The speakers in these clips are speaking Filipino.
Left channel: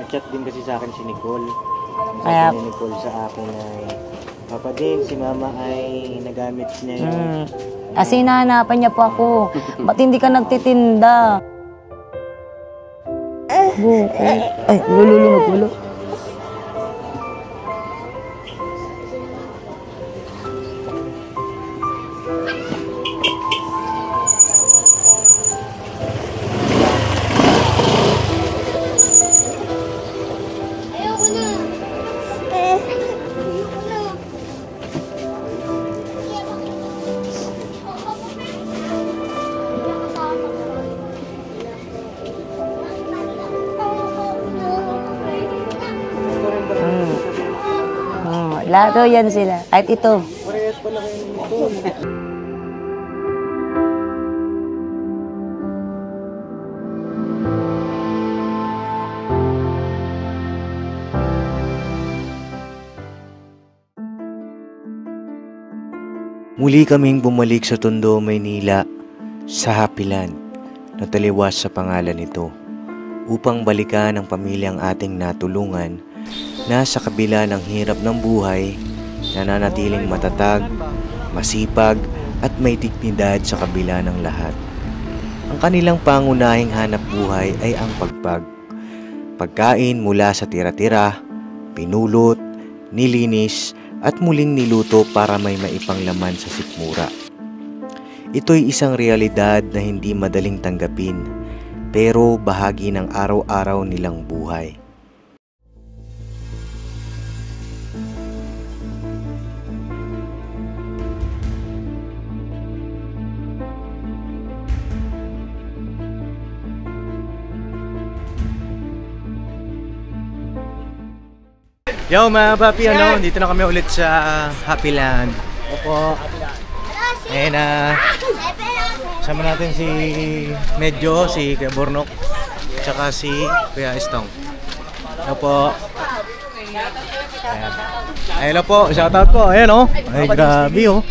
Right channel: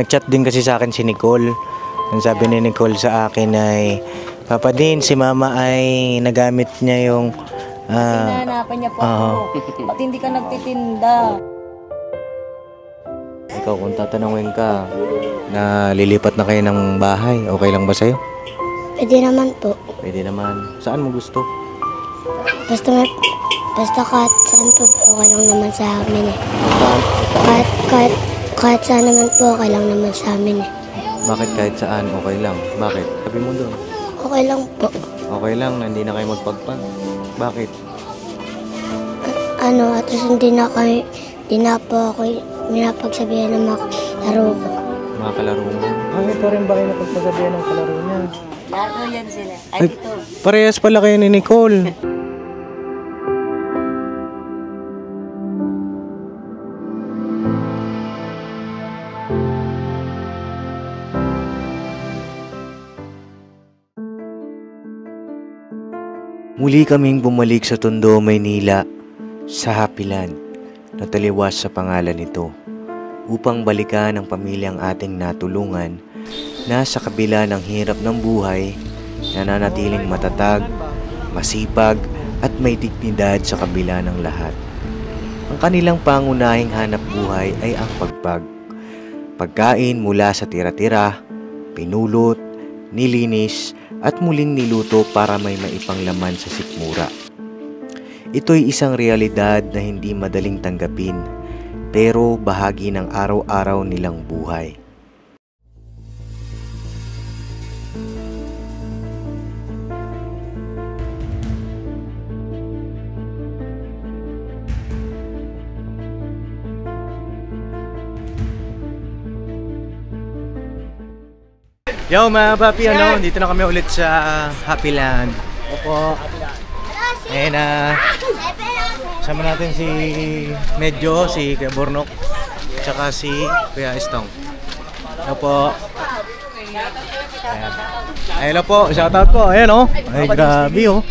Nag-chat din kasi sa akin si Nicole. Ang sabi ni Nicole sa akin ay, Papa Din, si Mama ay nagamit niya yung... Kasi nahanapan niya po ako. Ba't hindi ka nagtitinda? Ikaw, kung tatanungin ka, lilipat na kayo ng bahay. Okay lang ba sa'yo? Pwede naman po. Pwede naman. Saan mo gusto? Basta kahit saan po okay lang naman sa amin eh. Kahit saan naman po okay lang naman sa amin eh. Bakit kahit saan okay lang? Bakit? Sabi mo doon. Okay lang po. Okay lang, hindi na kayo magpagpag. Bakit? At least hindi na po ako pinapagsabihan ng mga laro ko. Mga kalaro mo? Ito rin ba kayo napagsabihan ng kalaro niya? Laro yan sila. Kahit ito. Parehas pala kayo ni Nicole. Muli kaming bumalik sa Tondo, Maynila, sa Happy Land, na taliwas sa pangalan nito, upang balikan ang pamilyang ating natulungan na sa kabila ng hirap ng buhay, nananatiling matatag, masipag at may dignidad sa kabila ng lahat. Ang kanilang pangunahing hanap buhay ay ang pagpag. Pagkain mula sa tira-tira, pinulot, nilinis, at muling niluto para may maipanglaman sa sikmura. Ito'y isang realidad na hindi madaling tanggapin, pero bahagi ng araw-araw nilang buhay. Yo mga papi, dito na kami ulit sa Happy Land. Opo. And sama natin si Medyo, si Kuya Bornok, tsaka si Kuya Estong. Opo. Ayan. Hello po, shoutout po. Ayan o. Ay grabe o.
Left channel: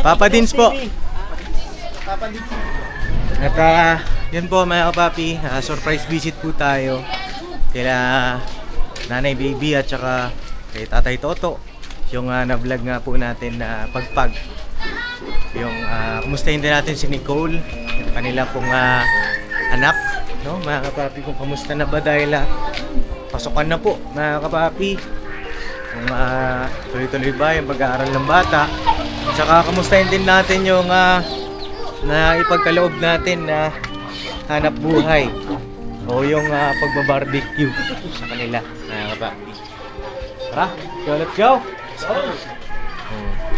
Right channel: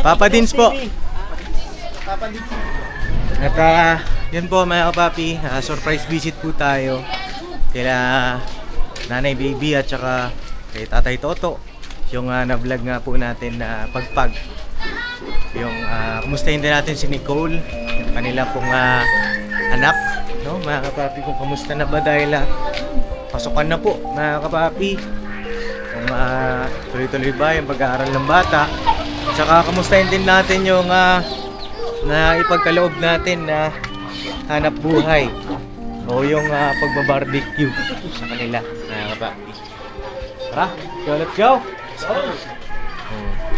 Papa Dins po. At yun po mga papi, surprise visit po tayo kila Nanay Baby at saka kay Tatay Toto. Yung na-vlog nga po natin na pagpag. Yung kumustahin din natin si Nicole, yung kanila pong anak, no? Mga kapapi, kung kamusta na ba dahil pasukan na po mga kapapi. Kung tuloy-tuloy ba yung pag-aaral ng bata. At saka kamustahin din natin yung na ipagkaloob natin na hanap buhay. O yung pagbabarbecue sa kanila, mga kapapi. Tara, let's go!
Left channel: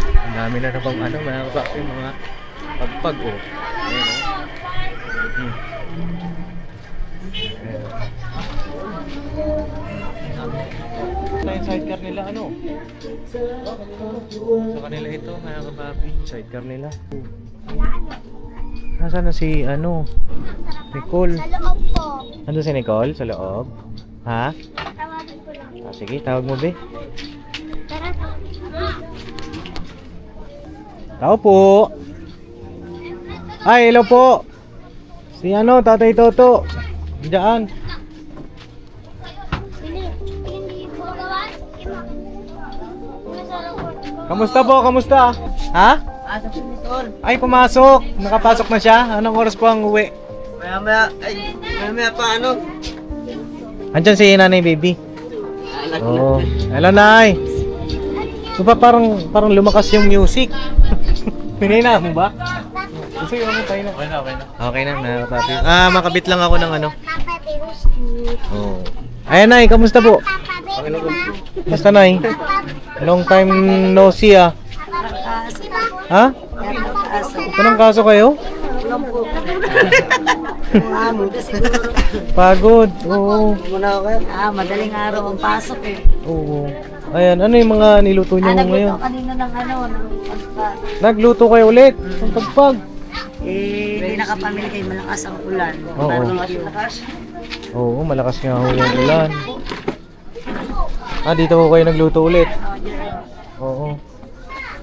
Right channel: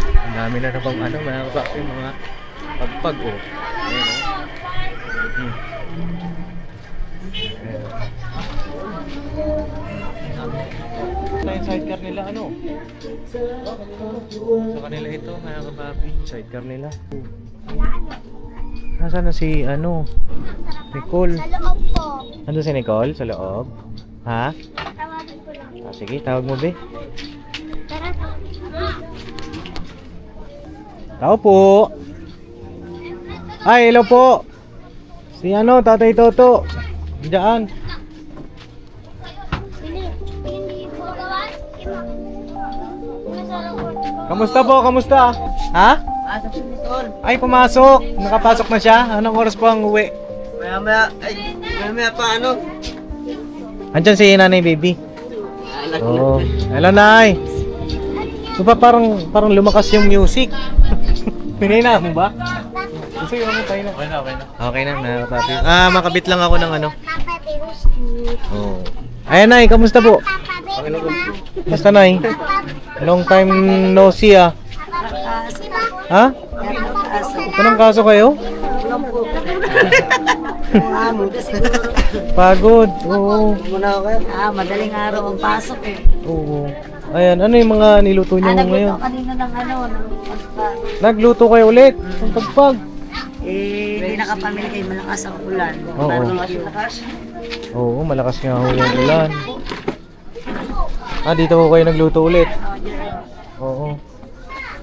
Ang dami na bang mga kapapi, mga pagpag o. Ito yung sidecar nila, sa kanila ito, mga kapapi, sidecar nila. Nasaan na si Nicole? Sa loob po. Ando si Nicole? Sa loob? Ha? Tawagin ko lang. Sige, tawag mo be. Tara. Tao po. Ay, hello po. Si Tatay Toto. Diyan. Kamusta po? Kamusta? Ha? Ay, pumasok. Nakapasok na siya. Anong oras po ang uwi? Maya pa Andyan si Nanay Baby. Oh, hello Nay. Ito pa parang lumakas yung music. Pinina mo ba? Sige, tayo na. Okay na, mga papi. Makabit lang ako ng Oh. Ayan Nay, kamusta po? Kamusta Nay? Long time no see Ha? Anong kaso kayo? Pagod. Oo. Madaling araw ang pasok eh. Oo. Ayan, ano yung mga niluto niyo ngayon? Nagluto kanina ng pagpag. Nagluto kayo ulit ng pagpag. Hindi nakapamili kayo, malakas ang ulan. Oo. Oo, malakas nga ho yung ulan. Dito ko kayo nagluto ulit. Oo.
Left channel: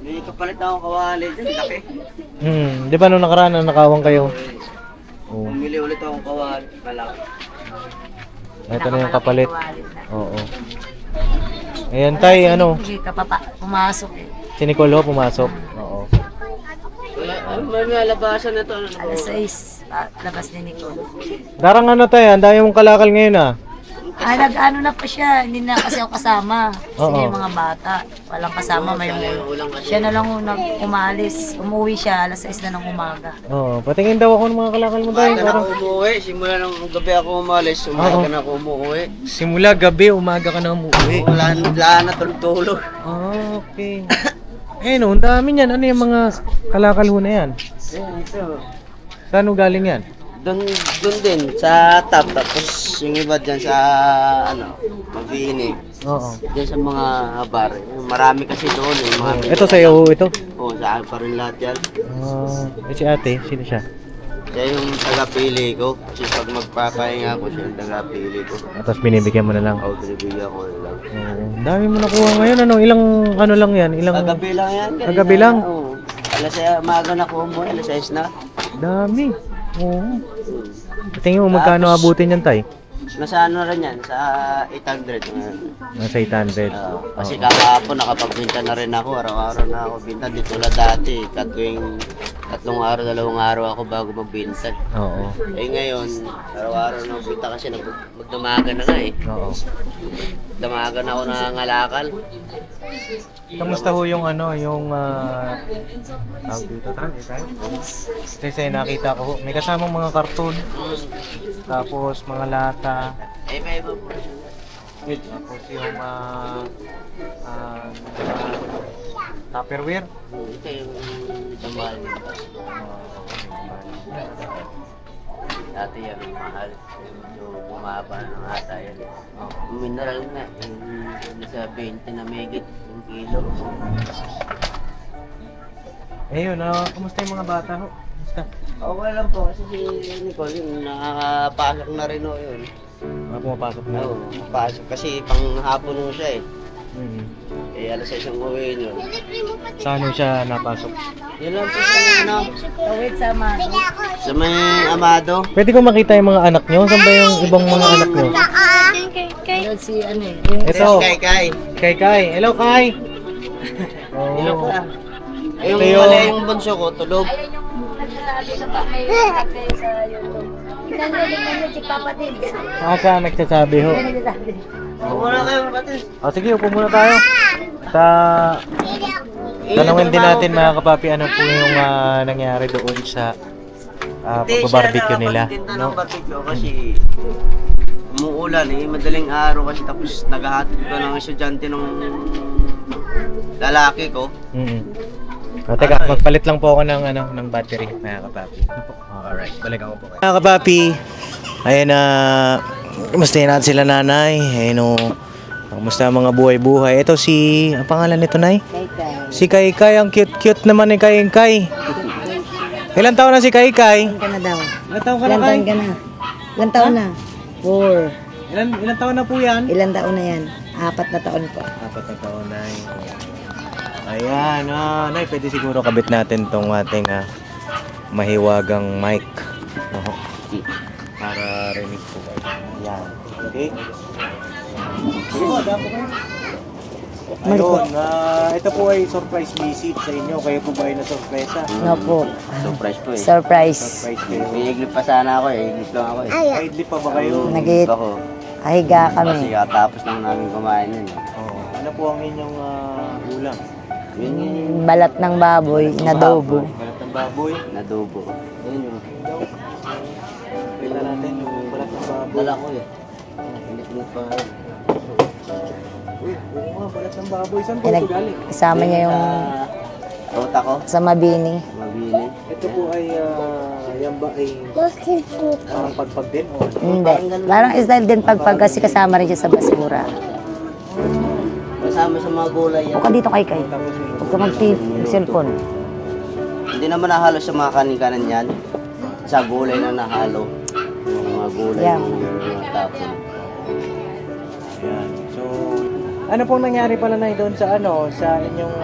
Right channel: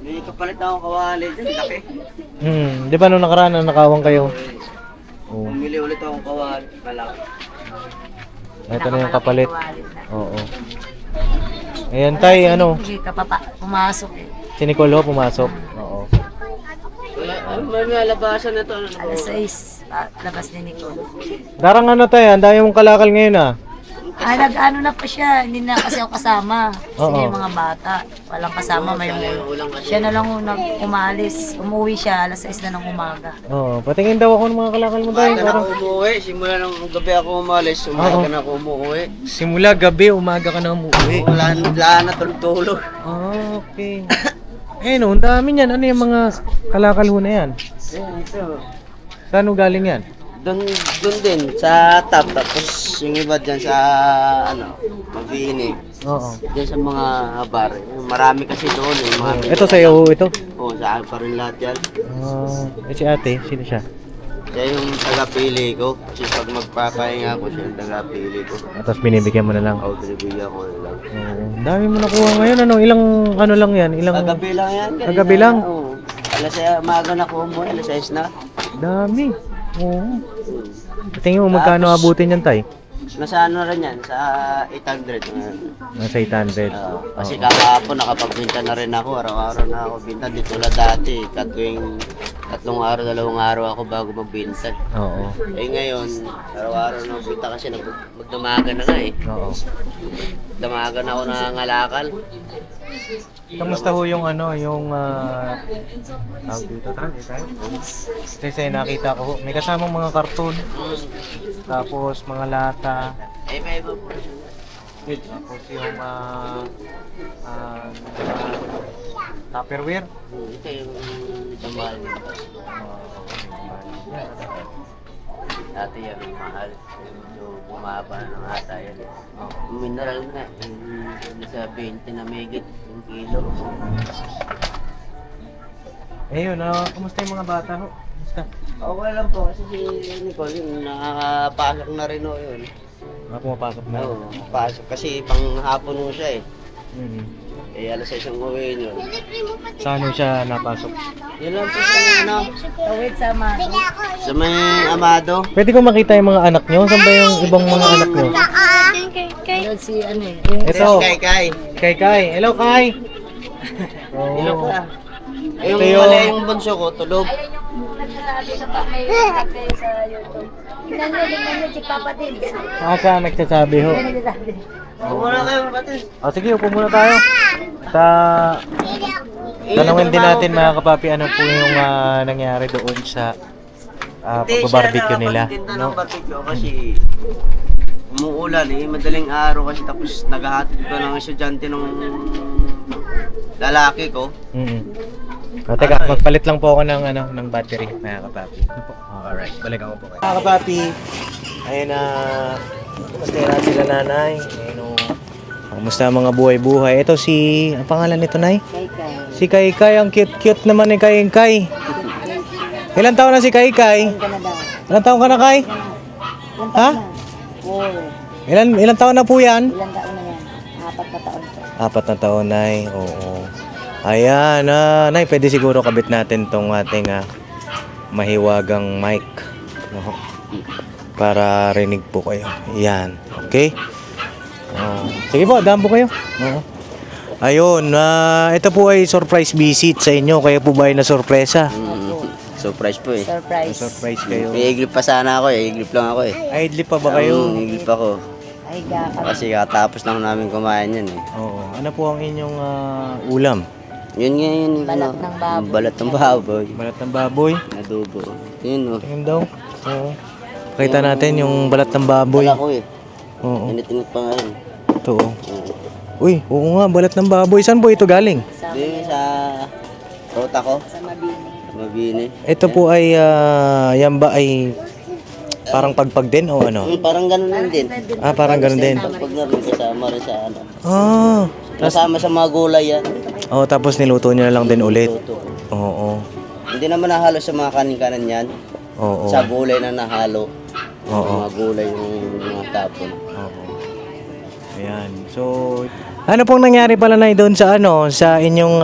Dito palit na akong kawali dyan, laki. Di ba nung nakaraan nakawang kayo? Oo. Bumili ulit akong kawali, malaki. Ito na yung kapalit. Kawalit na. Oo. Ayan, tay, ano? Hindi ka pumasok eh. Si Nicole ho, pumasok. Oo. May labasan na to. Alas 6, labas ni Nicole. Darang ano tay, ang dami mong kalakal ngayon ah. Nag-ano na pa siya, hindi na kasi ako kasama. Oo. Sige yung mga bata, walang kasama, may siya na lang umalis. Umuwi siya, alas 6 na ng umaga. Oo, patingin daw ako ng mga kalakal mo tay. Umaga na ako umuwi. Simula nung gabi ako umalis, umaga na ako umuwi. Simula gabi, umaga ka na umuwi. Wala na tulog-tulog. Ah, okay. Eh no, ang dami niyan. Ano yung mga kalakal ho na yan? Ito. Saan ho galing yan? Doon din, sa top. Tapos yung iba dyan sa, Mabini. Oo. Diyan sa mga bar. Marami kasi doon. Ito sa'yo ho, ito? Oo, sa akin pa rin lahat yan. Ah, si ate, sino siya? Siya yung tagapili ko. Kasi pag magpapahinga ko, siya yung tagapili ko. Tapos binibigyan mo na lang. Oo, binibigyan ko na lang. Oo. Dami mo nakuha ngayon. Ano, ilang ano lang yan? Ilang Kagabi lang yan. Kagabi lang? Oo. Maaga na ko umuwi, alas 6 na. dami. Oo. Tingin mo magkano abutin yan, tay? Nasa ano rin yan, sa 800. Nasa 800. Kasi kakahapon nakapagbinta na rin ako, araw-araw na ako binta. Di tulad dati, tatlong araw, 2 araw ako bago magbinta. Oo. Eh ngayon, araw-araw na magbinta kasi magdamagan na nga eh. Oo. Damagan ako nangangalakal. Kamusta ho yung ano, yung tawag dito, kasi nakita ko, may kasamang mga karton, tapos mga lata, Eh, may iba po. tapos yung Tupperware. Ito yung mahal. Dati yan yung mahal. So, bumaba ng ata yan. Mineral na. Nasa 20 na megit yung kilo. Eh yun, kumusta yung mga bata ho? Kumusta? Okay lang po kasi si Nicole yun, nakapasok na rin o yun. Pumapasok na? Oo, pasok kasi panghapon mo siya eh. Eh, alas 6 ang uwi yun. Saan ho siya napasok? Yun lang po sa ano, Tawid sa Amado. sa may Amado. Pwede ko makita yung mga anak nyo? Saan ba yung ibang mga anak nyo? Yun si ano eh. Yung Ito. Kay. Kay Kai. Hello, Kai! Oh. Hello ka. Yung Ito yung- mali yung bunso ko, tulog. nagsasabi ka pa may nagsasabi sa YouTube. Tingnan nyo si Papa din. Siya nagsasabi ho. Nagsasabi. Wala kayo, kapatid. O sige, upo muna tayo. Sa tanungin din natin mga kapapi, ano po yung nangyari doon sa pagbabarbecue nila. Tinda No? ng barbecue kasi umuulan eh, madaling araw kasi tapos naghahatid ko ng estudyante ng lalaki ko. Teka, magpalit lang po ako ng ng battery mga kapapi. Alright, balikan ko po kayo. Mga kapapi, ayun na, kumusta natin sila nanay? Ayun o, kumusta ang mga buhay-buhay? Ito si, ang pangalan nito nay? Si Kai. Ang cute-cute naman ni Kai. Ilan taon na si Kai? Ilan ka na daw? Ilan taon ka na Kai? Ilan taon na? 4. Ilan taon na po yan? Ilan taon na yan? 4 na taon po. 4 na taon, nay. Oo. Ayan, nay, pwede siguro kabit natin tong ating mahiwagang mic. No? Para rinig po kayo. Ayan. Okay? Sige po, daan po kayo. Ayun, ito po ay surprise visit sa inyo. Kaya po ba ay na-surpresa? Opo. Surprise po eh. Surprise. Surprise kayo. I-iglip pa sana ako eh, i-iglip lang ako eh. Idlip pa ba kayo? I-iglip ako. Ahiga Kasi kami. katapos na ako namin kumain yan eh. Oo. Ano po ang inyong ulam? Yun nga yun. Balat ng baboy, Balat ng nadobo. baboy. Balat ng baboy. Nadobo. Yun o. Tingin daw. Oo. Kita natin yung balat ng baboy. Wala ko eh. Oo. Init-init pa nga yun. Ito. Uy, oo nga, balat ng baboy. Saan po ito galing? Kasama niya Sa yung ruta ko, sa Mabini. mabini. Ito po ay, yan ba ay parang pagpag din o ano? Parang ganun Parang din. isa din parang pagpagkas ganun din. kasama rin siya sa basura. Kasama rin sa ano. Ah. Kasama sa mga gulay yan. Ka dito kay Oh, tapos niluto niya na lang din ulit. Cellphone. Oo. Hindi naman nahalo sa mga kanin-kanan yan. Oo. Sa gulay na nahalo. Oo. Mga gulay yung mga tapon. Ayan. So, ano pong nangyari pala na doon sa sa inyong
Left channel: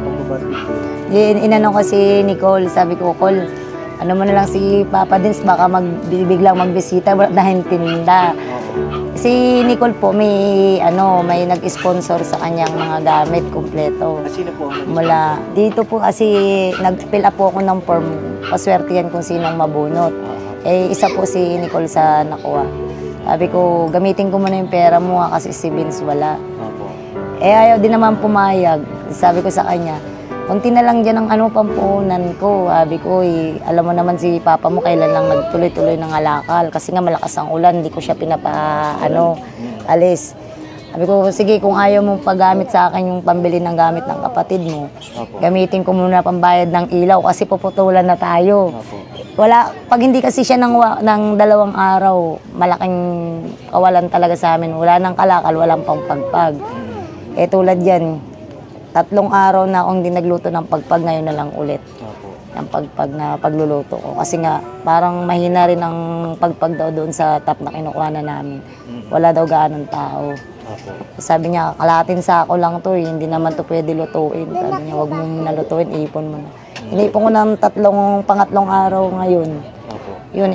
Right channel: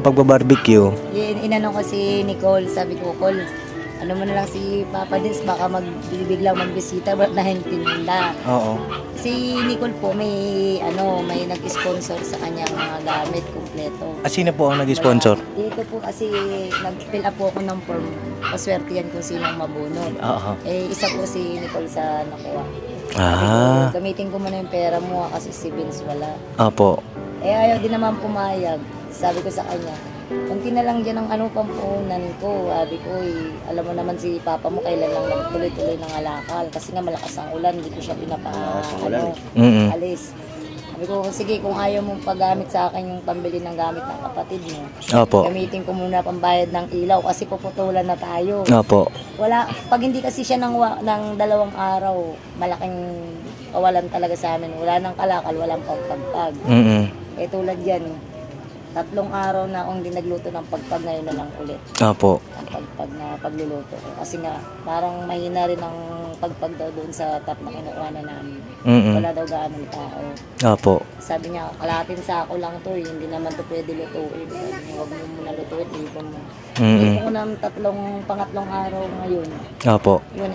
pagbabarbecue? Inano ko si Nicole, sabi ko, Col, ano mo na lang si Papa Dins, baka biglang magbisita dahil tinda. Oo. Si Nicole po may nag-sponsor sa kanyang mga gamit kumpleto. Sino po ang nag-sponsor? Mula dito po kasi nag-fill up po ako ng form. Paswertihan kung sinong mabunot. Oo. Isa po si Nicole sa nakuha. Sabi ko, gamitin ko muna yung pera mo kasi si Vince wala. Opo. Ayaw din naman pumayag. Sabi ko sa kanya, kunti na lang dyan ang pampuhunan ko. Sabi ko, alam mo naman si Papa mo kailan lang nagtuloy-tuloy ng alakal. Kasi nga malakas ang ulan, hindi ko siya alis. Sabi ko, sige, kung ayaw mong paggamit sa akin yung pambili ng gamit ng kapatid mo, Opo. gamitin ko muna pambayad ng ilaw kasi puputulan na tayo. Opo. Pag hindi kasi siya ng 2 araw, malaking kawalan talaga sa amin. Wala nang kalakal, walang pangpagpag. Tulad yan, 3 araw na akong hindi nagluto ng pagpag, ngayon na lang ulit. Opo. Ang pagpag na pagluluto ko. Kasi nga, parang mahina rin ang pagpag daw doon sa top na kinukuha na namin. Wala daw gaanong tao. Opo. Sabi niya, kalahating sako lang to, hindi naman to pwede lutuin. Sabi niya, huwag mo muna lutuin, ipon mo. Inipon ko ng pangatlong araw ngayon. Opo. Yun,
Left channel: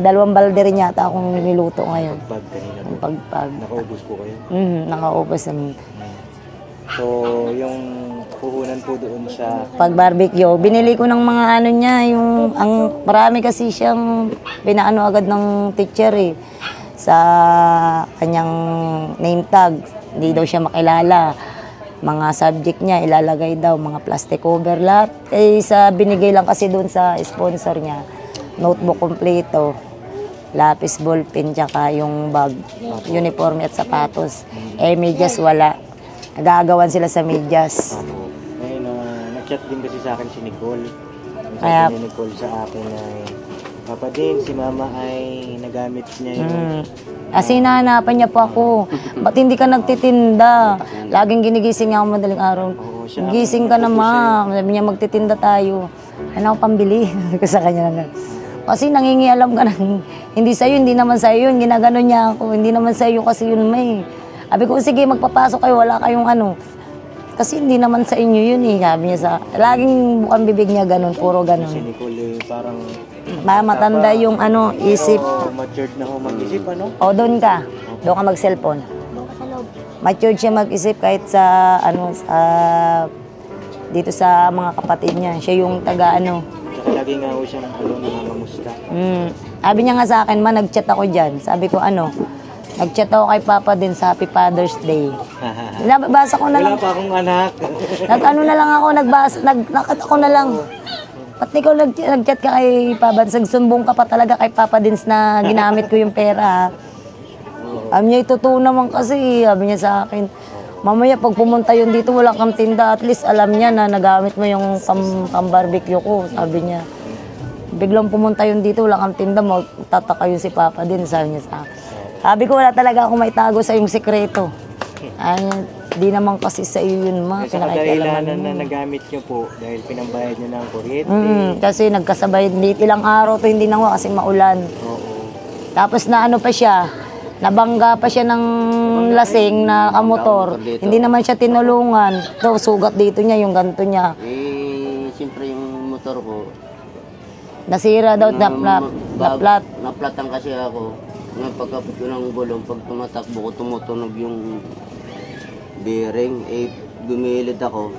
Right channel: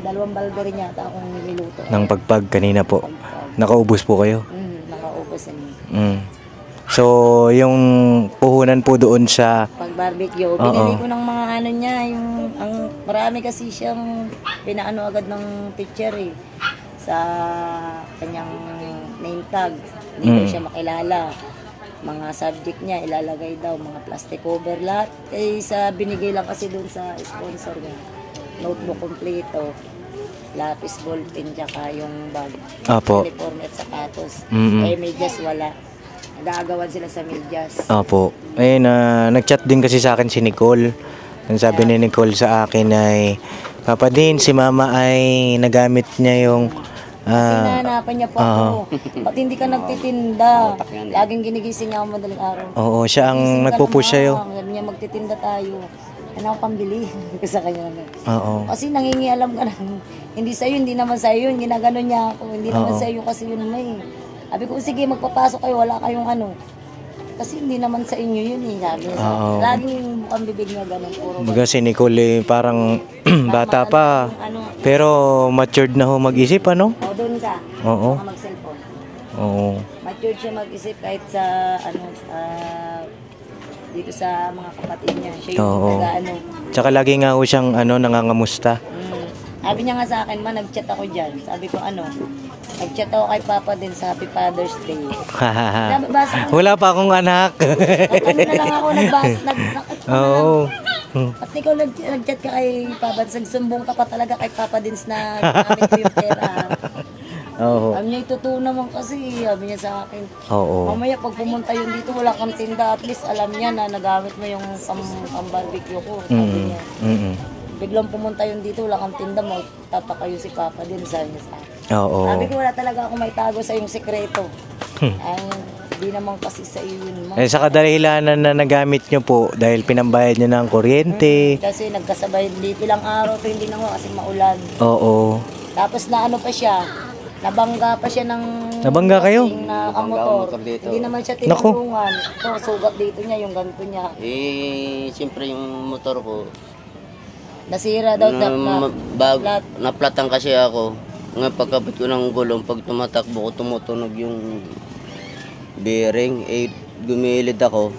dalawang balde rin yata akong niluto Ng ngayon. pagpag kanina po. Pagpag. Nakaubos po kayo? Nakaubos naman. So, yung puhunan po doon sa... Pag barbecue, binili ko ng mga niya, marami kasi siyang pinaano agad ng teacher sa kanyang name tag. Hindi daw siya makilala. Mga subject niya, ilalagay daw, mga plastic cover, lahat. Binigay lang kasi doon sa sponsor niya. Notebook kompleto, lapis, ballpen, tsaka yung bag, uniforme at sapatos. Medyas wala. Nag-aagawan sila sa medyas. Opo. Ayun, nag-chat din kasi sa akin si Nicole. Ang sabi ni Nicole sa akin ay, Papa din, si Mama ay nagamit niya yung... Kasi nahanapan niya po ako. Ba't hindi ka nagtitinda? Laging ginigising niya ako madaling araw. Oo, siya ang Gigising ka na, nagpupush sa'yo. Sabi niya, magtitinda tayo. Ano ako pambili? Sabi ko sa kanya na. Oo. Kasi nangingialam ka na. Hindi sa'yo, hindi naman sa'yo yun. Ginagano niya ako. Hindi naman sa'yo kasi yun may. Sabi ko, sige, magpapasok kayo. Wala kayong Kasi hindi naman sa inyo yun Sabi niya sa laging bukang bibig niya ganun. Puro ganun. Kasi Nicole parang bata matanda pa. yung Pero isip. matured na ho mag-isip, ano? O, doon ka. Oo. Doon ka mag-cellphone. Oo. Matured siya mag-isip kahit sa dito sa mga kapatid niya. Siya yung taga Tsaka lagi nga ho siyang nangangamusta. Sabi niya nga sa akin, nag-chat ako dyan. Sabi ko nag-chat ako kay Papa din sa Happy Father's Day. Nabasa ko na Wala lang. pa akong anak. Na lang ako, ako na lang. At ikaw nag-chat ka kay Papa, nagsumbong ka pa talaga kay Papa Dins na ginamit ko yung pera. Sabi niya, itotoo naman kasi. Sabi niya sa akin, mamaya pag pumunta yun dito, wala kang tinda. At least alam niya na nagamit mo yung pang-barbecue ko. Sabi niya. Biglang pumunta yun dito, wala kang tinda, magtataka yun si Papa din, sabi niya sa akin. Sabi ko, wala talaga akong may tago sa iyong sekreto. Di naman kasi sa iyo yun, ma. Sa kadalilanan na nagamit nyo po dahil pinambayad nyo ng kuryente. Kasi nagkasabay, ilang araw to hindi nakuha kasi maulan. Oo. Tapos pa siya, nabangga pa siya ng lasing na kamotor. Hindi naman siya tinulungan. Ito, sugat dito niya, yung ganito niya. Siyempre yung motor ko, nasira daw, naplat. Naplatan kasi ako. Ngayon pagkapit ko ng gulong, pag tumatakbo ko, tumutunog yung bearing. Gumilid ako.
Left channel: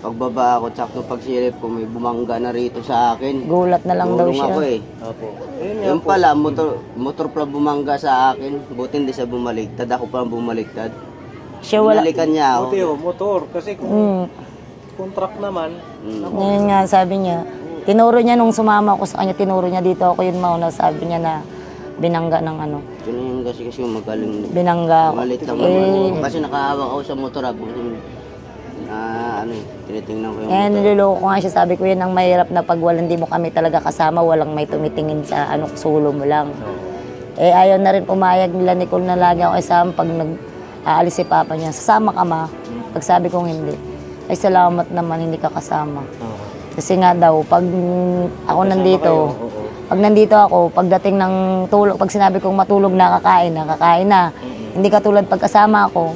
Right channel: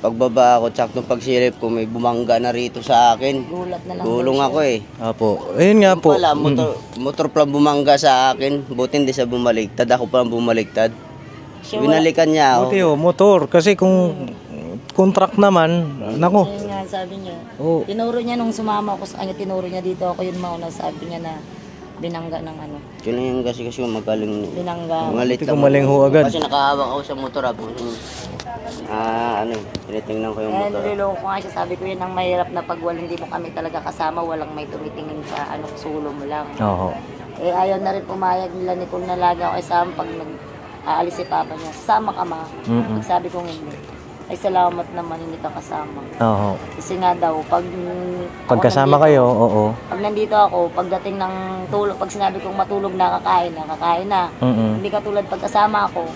Pagbaba ako, tsaka nung pagsilip ko, may bumangga na rito sa akin. Gulat na lang daw Gulong siya. ako Opo. Ayun nga Yung po. pala, motor pala bumangga sa akin. Buti hindi siya bumaliktad. Ako pala bumaliktad. Siya wala. Binalikan niya ako. Buti motor. Kasi kung contract naman, naku. Ngayon nga, sabi niya. Tinuro niya nung sumama ako sa kanya, tinuro niya dito ako yung mauna. Sabi niya na binangga ng Yun yung kasi magaling. Binangga. Malit lang. Kasi nakahawak ako sa motor. Tinitingnan ko yung motor. Niloloko ko nga siya, sabi ko yan ang mahirap na pag hindi mo kami talaga kasama, walang may tumitingin sa sulo mo lang. Ayaw na rin pumayag nila Nicole na lagi ako kasama pag nag-aalis si Papa niya. Sasama ka ma? Pag sabi kong hindi. Ay salamat naman hindi ka kasama. Kasi nga daw, pag ako kasama nandito, kayo, pag nandito ako, pagdating ng tulog, pag sinabi kong matulog na, kakain na. Hindi katulad pag kasama ako,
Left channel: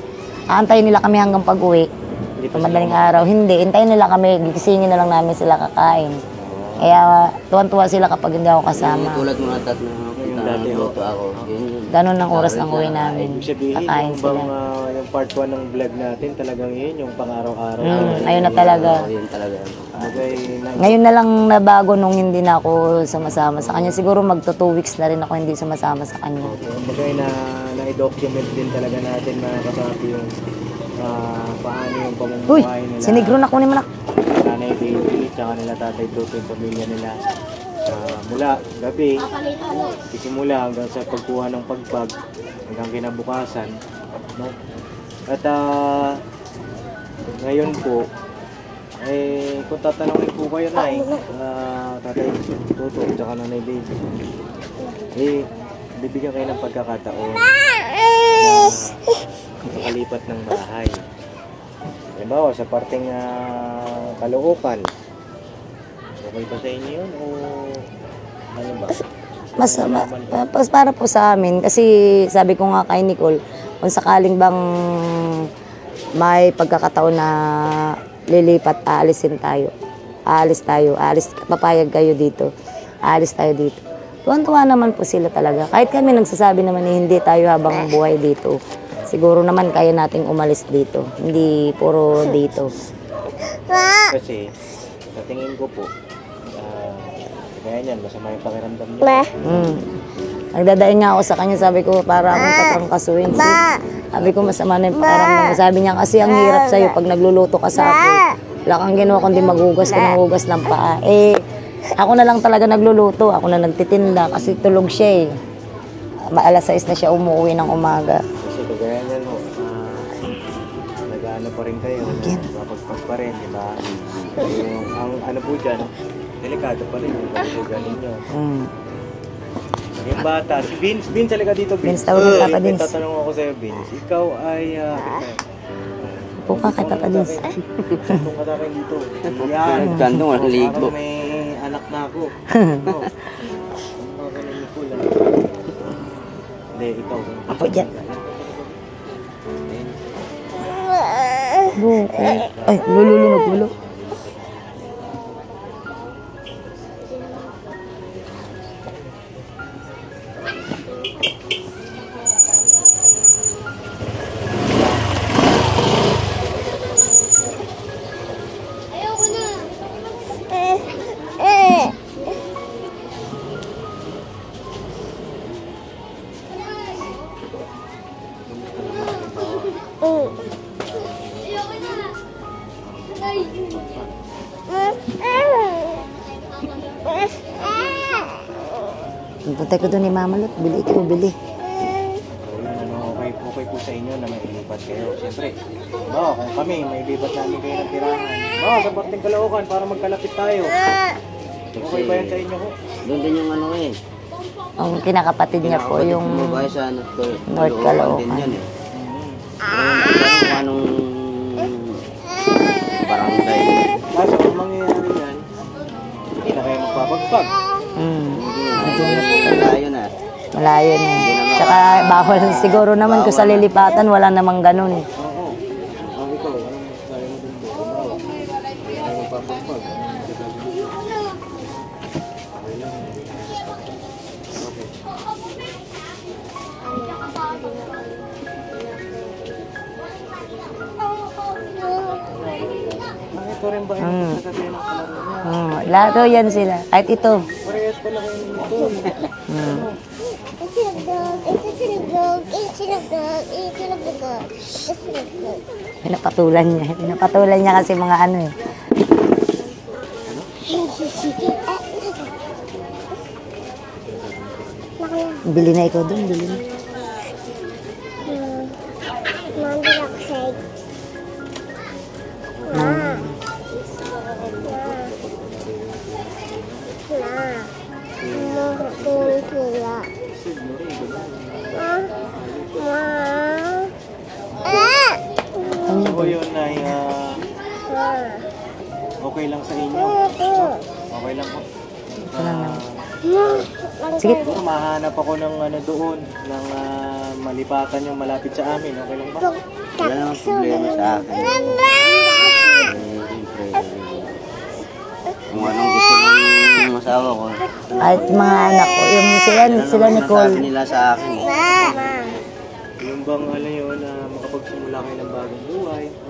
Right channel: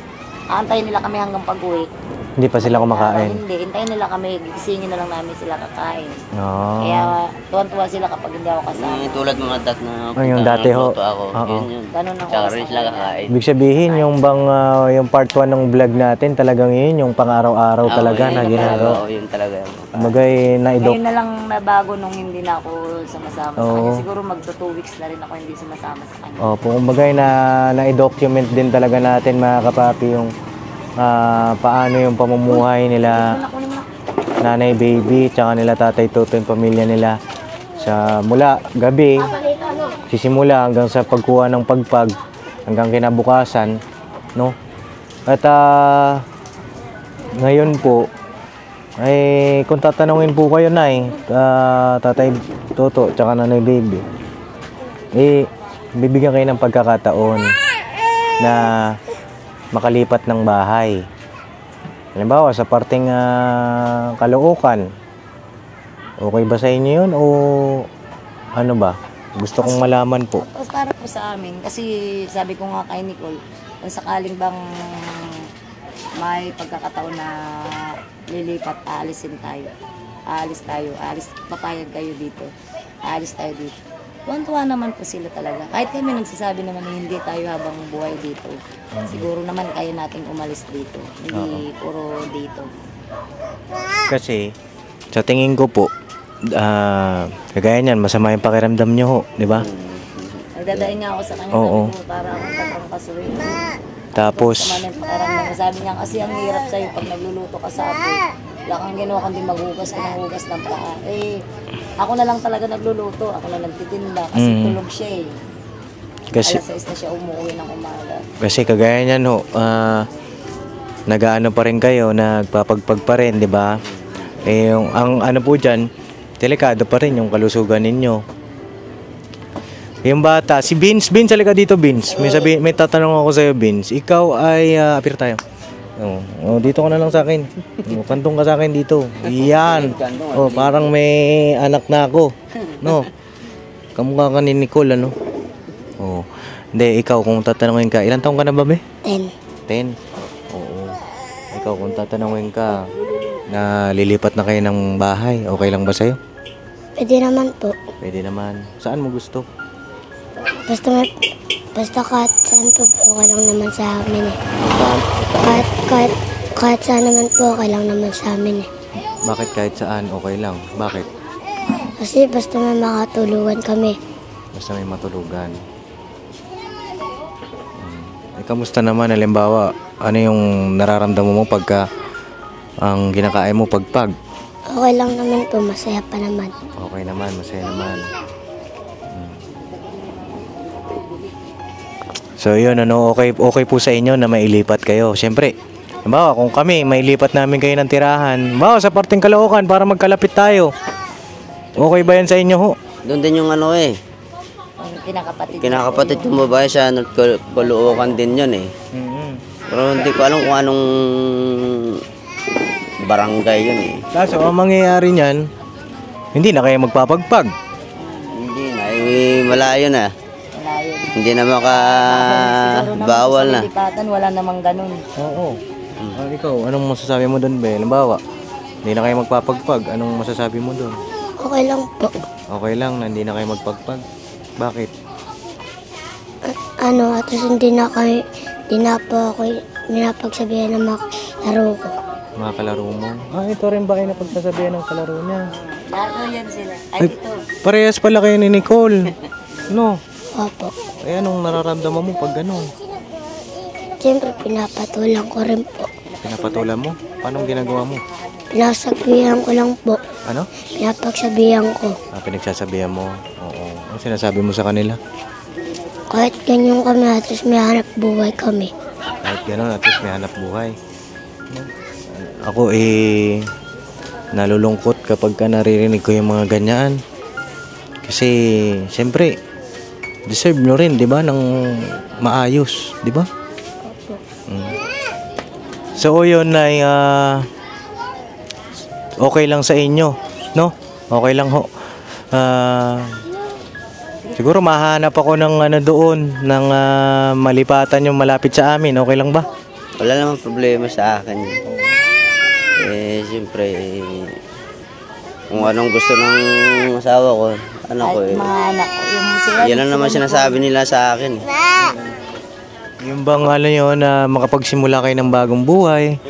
aantayin nila kami hanggang pag-uwi. Hindi pa sila Madaling araw. kumakain? Hindi, hintayin nila kami. Gisingin na lang namin sila kakain. No. Kaya tuwan-tuwa sila kapag hindi ako kasama. Tulad mga dat na yung dati ho. nagluto ako. Oo. Yun. Ganun ang oras ng Sila uwi kakain. namin. Ibig sabihin, Kakain yung sila. bang yung part 1 ng vlog natin, talagang yun, yung pang-araw-araw talaga. ayun na ginagawa. talaga. Oo, yun talaga yung Bagay na Ngayon na lang nabago nung hindi na ako sumasama sa kanya. Siguro magto 2 weeks na rin ako hindi sumasama sa kanya. Opo, bagay na i-document din talaga natin mga kapapi yung paano yung pamumuhay Si nila. Negro na kunin mo na. Nanay Baby, tsaka nila Tatay Toto, yung pamilya nila. Sa mula gabi, sisimula hanggang sa pagkuha ng pagpag, hanggang kinabukasan, no? At ngayon po, ay kung tatanungin po kayo, Nay, Tatay Toto, tsaka Nanay Baby, bibigyan kayo ng pagkakataon na makalipat ng bahay. Halimbawa, sa parting Caloocan, okay ba sa inyo yun o ano ba? Gusto kong malaman po. Tapos para po sa amin, kasi sabi ko nga kay Nicole, kung sakaling bang may pagkakataon na lilipat, aalisin tayo. Papayag kayo dito. Aalis tayo dito. Tuwan-tuwa naman po sila talaga. Kahit kami nagsasabi naman na hindi tayo habang buhay dito. Siguro naman kaya nating umalis dito. Hindi puro dito. Kasi, sa tingin ko po, kagaya niyan, masama yung pakiramdam niyo, ho, di ba? Nagdadain nga ako sa kanya, Oo. sabi ko, para akong tatrangkasuin. Sabi ko, Tapos, masama na yung pakiramdam mo. Sabi niya, kasi ang hirap sa'yo pag nagluluto ka sa akin. Wala kang ginawa kundi maghugas ka ng hugas ng paa. Ako na lang talaga nagluluto. Ako na nagtitinda kasi tulog siya eh. Alas 6 na siya umuwi ng umaga. Kasi kagaya niyan, ho, nag-aano pa rin kayo, nagpapagpag pa rin, di ba? Yung, ang ano po dyan, delikado pa rin yung kalusugan ninyo. Yung bata, si Vince, halika dito, Vince. Vince, tawag May ka, Vince. tatanong ako sa'yo, Vince. Ikaw ay, apir tayo. Dito ka na lang sa akin. Kantong ka sa akin dito. Yan. Parang may anak na ako. No? Kamukha ka ni Nicole, ano? Hindi, ikaw, kung tatanungin ka, ilan taong ka na ba, be? 10. 10. Ikaw, kung tatanungin ka, lilipat na kayo ng bahay, okay lang ba sa'yo? Pwede naman po. Pwede naman. Saan mo gusto? Basta kahit saan po, okay lang naman sa amin eh. Kahit saan naman po, okay lang naman sa amin eh. Bakit kahit saan, okay lang? Bakit? Kasi basta may makatulungan kami. Basta may matulugan. Kamusta naman, halimbawa, ano yung nararamdaman mo pagka ang kinakain mo pagpag? Okay lang naman po, masaya pa naman. Okay naman, masaya naman. Puntay ko doon ni Mama Lit, bili. So yun, okay po sa inyo na mailipat kayo. Siyempre, halimbawa, kung kami, mailipat namin kayo ng tirahan, halimbawa sa parting Caloocan para magkalapit tayo. Okay ba yan sa inyo, ho? Doon din yung ano eh. Ang kinakapatid niya po, Kinakapatid yung kong babae sa Caloocan din yun eh. Pero hindi ko alam kung anong barangay yun eh. Kaso, ang mangyayari niyan, hindi na kayo magpapagpag. Hindi na, malayo na. malayo na. Hindi na Tsaka bawal siguro naman doon sa bawal na. lilipatan, wala namang ganun. Oo. Ikaw, anong masasabi mo doon, Be? Halimbawa, hindi na kayo magpapagpag. Anong masasabi mo doon? Okay lang po. Okay lang na hindi na kayo magpagpag. Bakit? At least hindi na po ako ninapagsabihan ng mga laro ko. Mga kalaro mo? Ito rin ba kayo napagsasabihan ng kalaro niya? Laro yan sila. Kahit ito. Parehas pala kayo ni Nicole. Ano? Opo. Anong nararamdaman mo pag gano'n? Siyempre, pinapatulang ko rin po. Pinapatulan niya. Pinapatulan niya kasi mga ano eh. Pinasabihan ko lang po. Ano? Pinapagsabihan ko. Pinagsasabihan mo? Oo. Ano sinasabi mo sa kanila? Bili na ikaw doon. Kahit ganyan kami, at least may hanap buhay kami. Kahit gano'n, at least may hanap buhay. Ako nalulungkot kapag ka naririnig ko yung mga ganyan. Kasi, siyempre, deserve nyo rin, di ba, ng maayos, di ba? So, yun ay okay lang sa inyo, no? Okay lang ho. Siguro mahanap ako ng ano doon, ng malipatan yung malapit sa amin. Okay lang ba? Wala namang problema sa akin. siyempre, kung anong gusto ng asawa ko, anak Kahit ko, mga anak ko, yung sila, yan ang naman sinasabi nila sa akin. Yung bang alam nyo na makapagsimula kayo ng bagong buhay,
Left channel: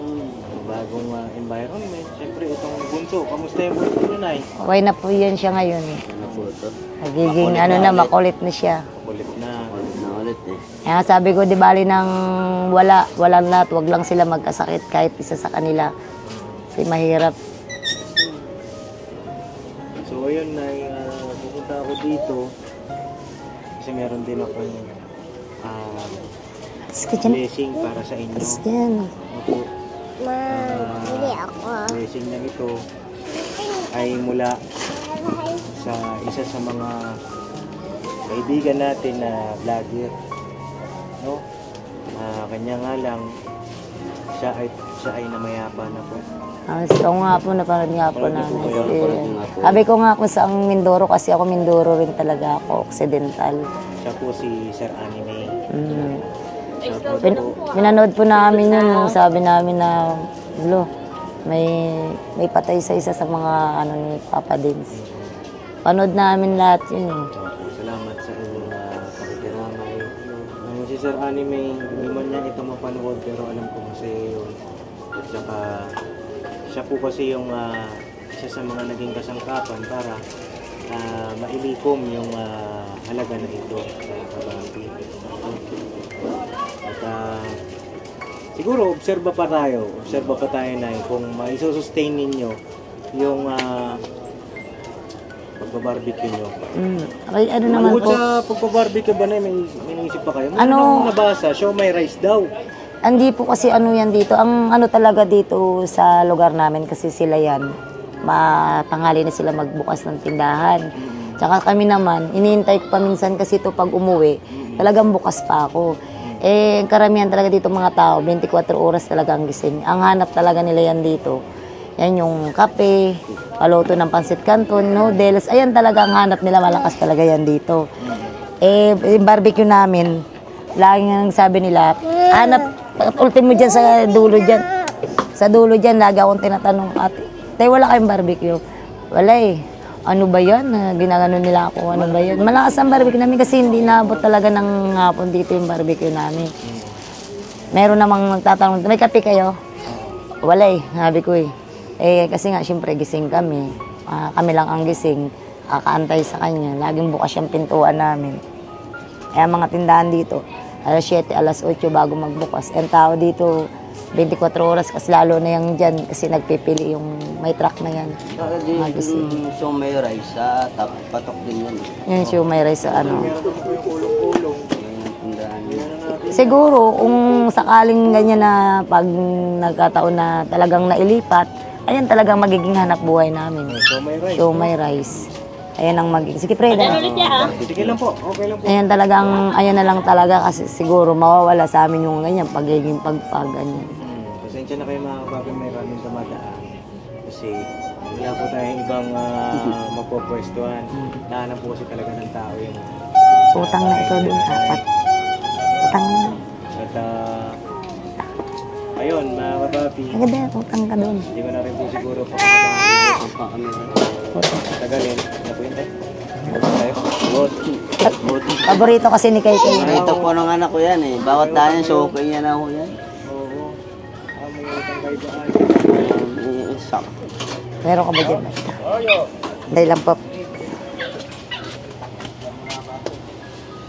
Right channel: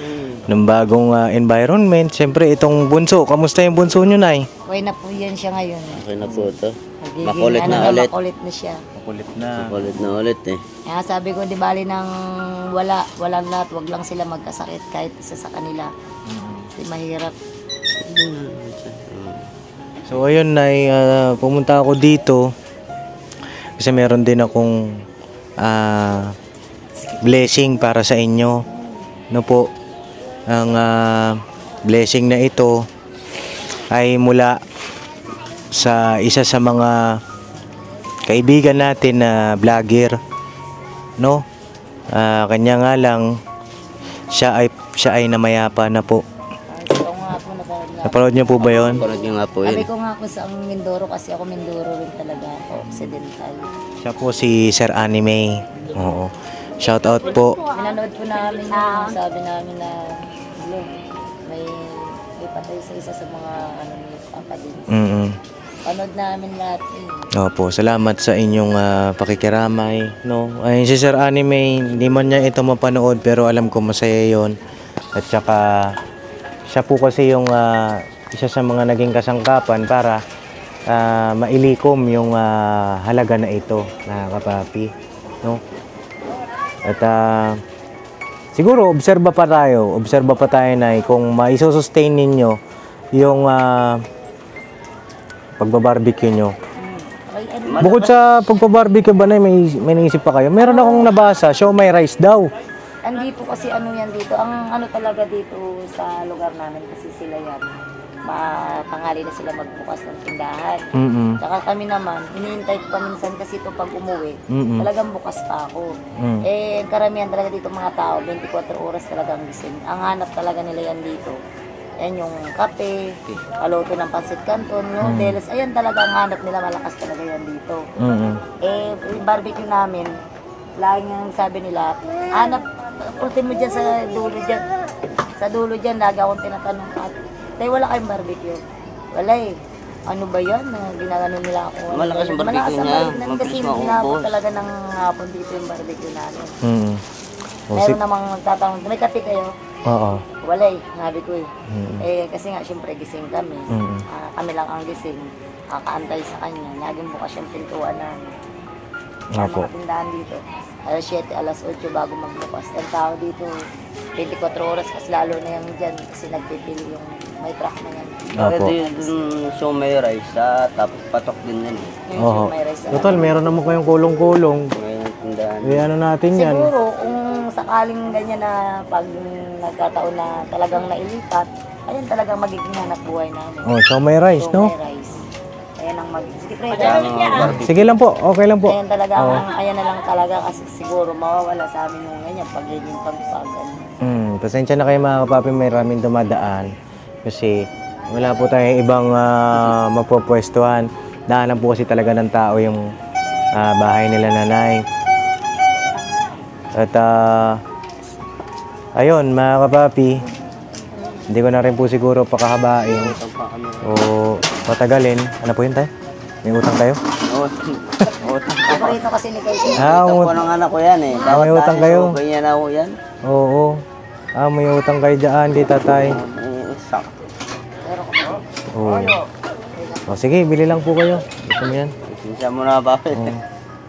ng bagong environment. Siyempre, itong bunso, kamusta yung bunso nyo, Nay? Okay na po yan siya ngayon. Okay na po ito. Magiging Makulit ano na na, ulit. makulit na siya. Makulit na. Ulit na ulit eh. Kaya sabi ko, di bali nang walang lahat, wag lang sila magkasakit kahit isa sa kanila. Kasi mahirap. So ayun, Nay, pumunta ako dito kasi meron din akong blessing para sa inyo. Yan. No po, ang blessing na ito ay mula sa isa sa mga kaibigan natin na vlogger, no? Kanya nga lang siya ay namayapa na po. So nga po, napanood nga Napanood niyo po ba yun? Panood nyo nga po Sabi yun. ko nga kung saan Mindoro kasi ako Mindoro rin talaga ako, Occidental. Siya po si Sir Anime. Oo. Shout out po. Pinanood po namin yun, sabi namin na, lo, may patay sa isa sa mga ano ni Papa Dins. Mm-mm. Panood namin lahat yun. Opo, salamat sa inyong pakikiramay, no? Ay si Sir Anime, hindi man niya ito mapanood pero alam ko masaya 'yon. At saka siya po kasi yung isa sa mga naging kasangkapan para mailikom yung halaga na ito, na kapapi, no? At siguro obserba pa tayo na kung maisustain ninyo yung pagbabarbecue nyo. Ay, ano naman Bukod sa pagpabarbecue ba na may naisip pa kayo? Meron akong nabasa, show may rice daw. Hindi po kasi ano yan dito. Ang ano talaga dito sa lugar namin kasi sila yan. Matanghali na sila magbukas ng tindahan. Tsaka kami naman, iniintay ko pa minsan kasi ito pag umuwi, talagang bukas pa ako. Eh, karamihan talaga dito mga tao, 24 oras talaga ang gising. Ang hanap talaga nila yan dito. Yan yung kape, paluto ng pansit canton, noodles. Ayan talaga ang hanap nila, malakas talaga yan dito. Eh, yung barbecue namin, laging ang sabi nila, hanap, ultimo dyan sa dulo dyan. Sa dulo dyan, lagi akong tinatanong, Tay, wala kayong barbecue? Wala eh. Ano ba yan? Ginagano nila ako. Ano ba yun? Malakas ang barbecue namin kasi hindi naabot talaga ng hapon dito yung barbecue namin. Meron namang nagtatanong, may kape kayo? Oo. Wala eh, sabi ko eh. Eh, kasi nga, syempre, gising kami. Kami lang ang gising. Kakaantay sa kanya. Laging bukas yung pintuan namin. Kaya mga tindahan dito, alas 7, alas 8 bago magbukas. Ang tao dito, 24 oras kasi lalo na yung dyan kasi nagpipili yung may truck na yan. Ito yung show may rice sa patok din yan. Yung show may rice sa Total, meron naman kayong kulong-kulong. May tindahan. Eh, ano natin yan? Siguro, kung sakaling ganyan na pag nagkataon na talagang nailipat, ayan talagang magiging hanap buhay namin. Oh, show may rice, Show no? may rice. Ayan ang magiging. Sige, Fred. Sige lang po, okay lang po. Ayan talagang, ayan na lang talaga kasi siguro mawawala sa amin yung ganyan, pagiging pagpagan. Pasensya na kayo mga kapapi, may maraming dumadaan. Kasi wala po tayong ibang mapopwestuhan. Daanan po kasi talaga ng tao yung bahay nila nanay. At ayun mga kapapi, Gabi, utang ka doon. hindi ko na rin po siguro pakahabain o patagalin. Ano po yun tayo? May utang tayo? Paborito kasi ni Katie. Ito po ng anak ko yan eh. Dawat May utang dahil kayo. sa upay niya na ho yan. Oo. May utang kayo dyan, di tatay. Sak. Meron ka ba dyan? Oo. Dahil lang po. Sige, bili lang po kayo. Gusto niyo yan? Siya mo na ba?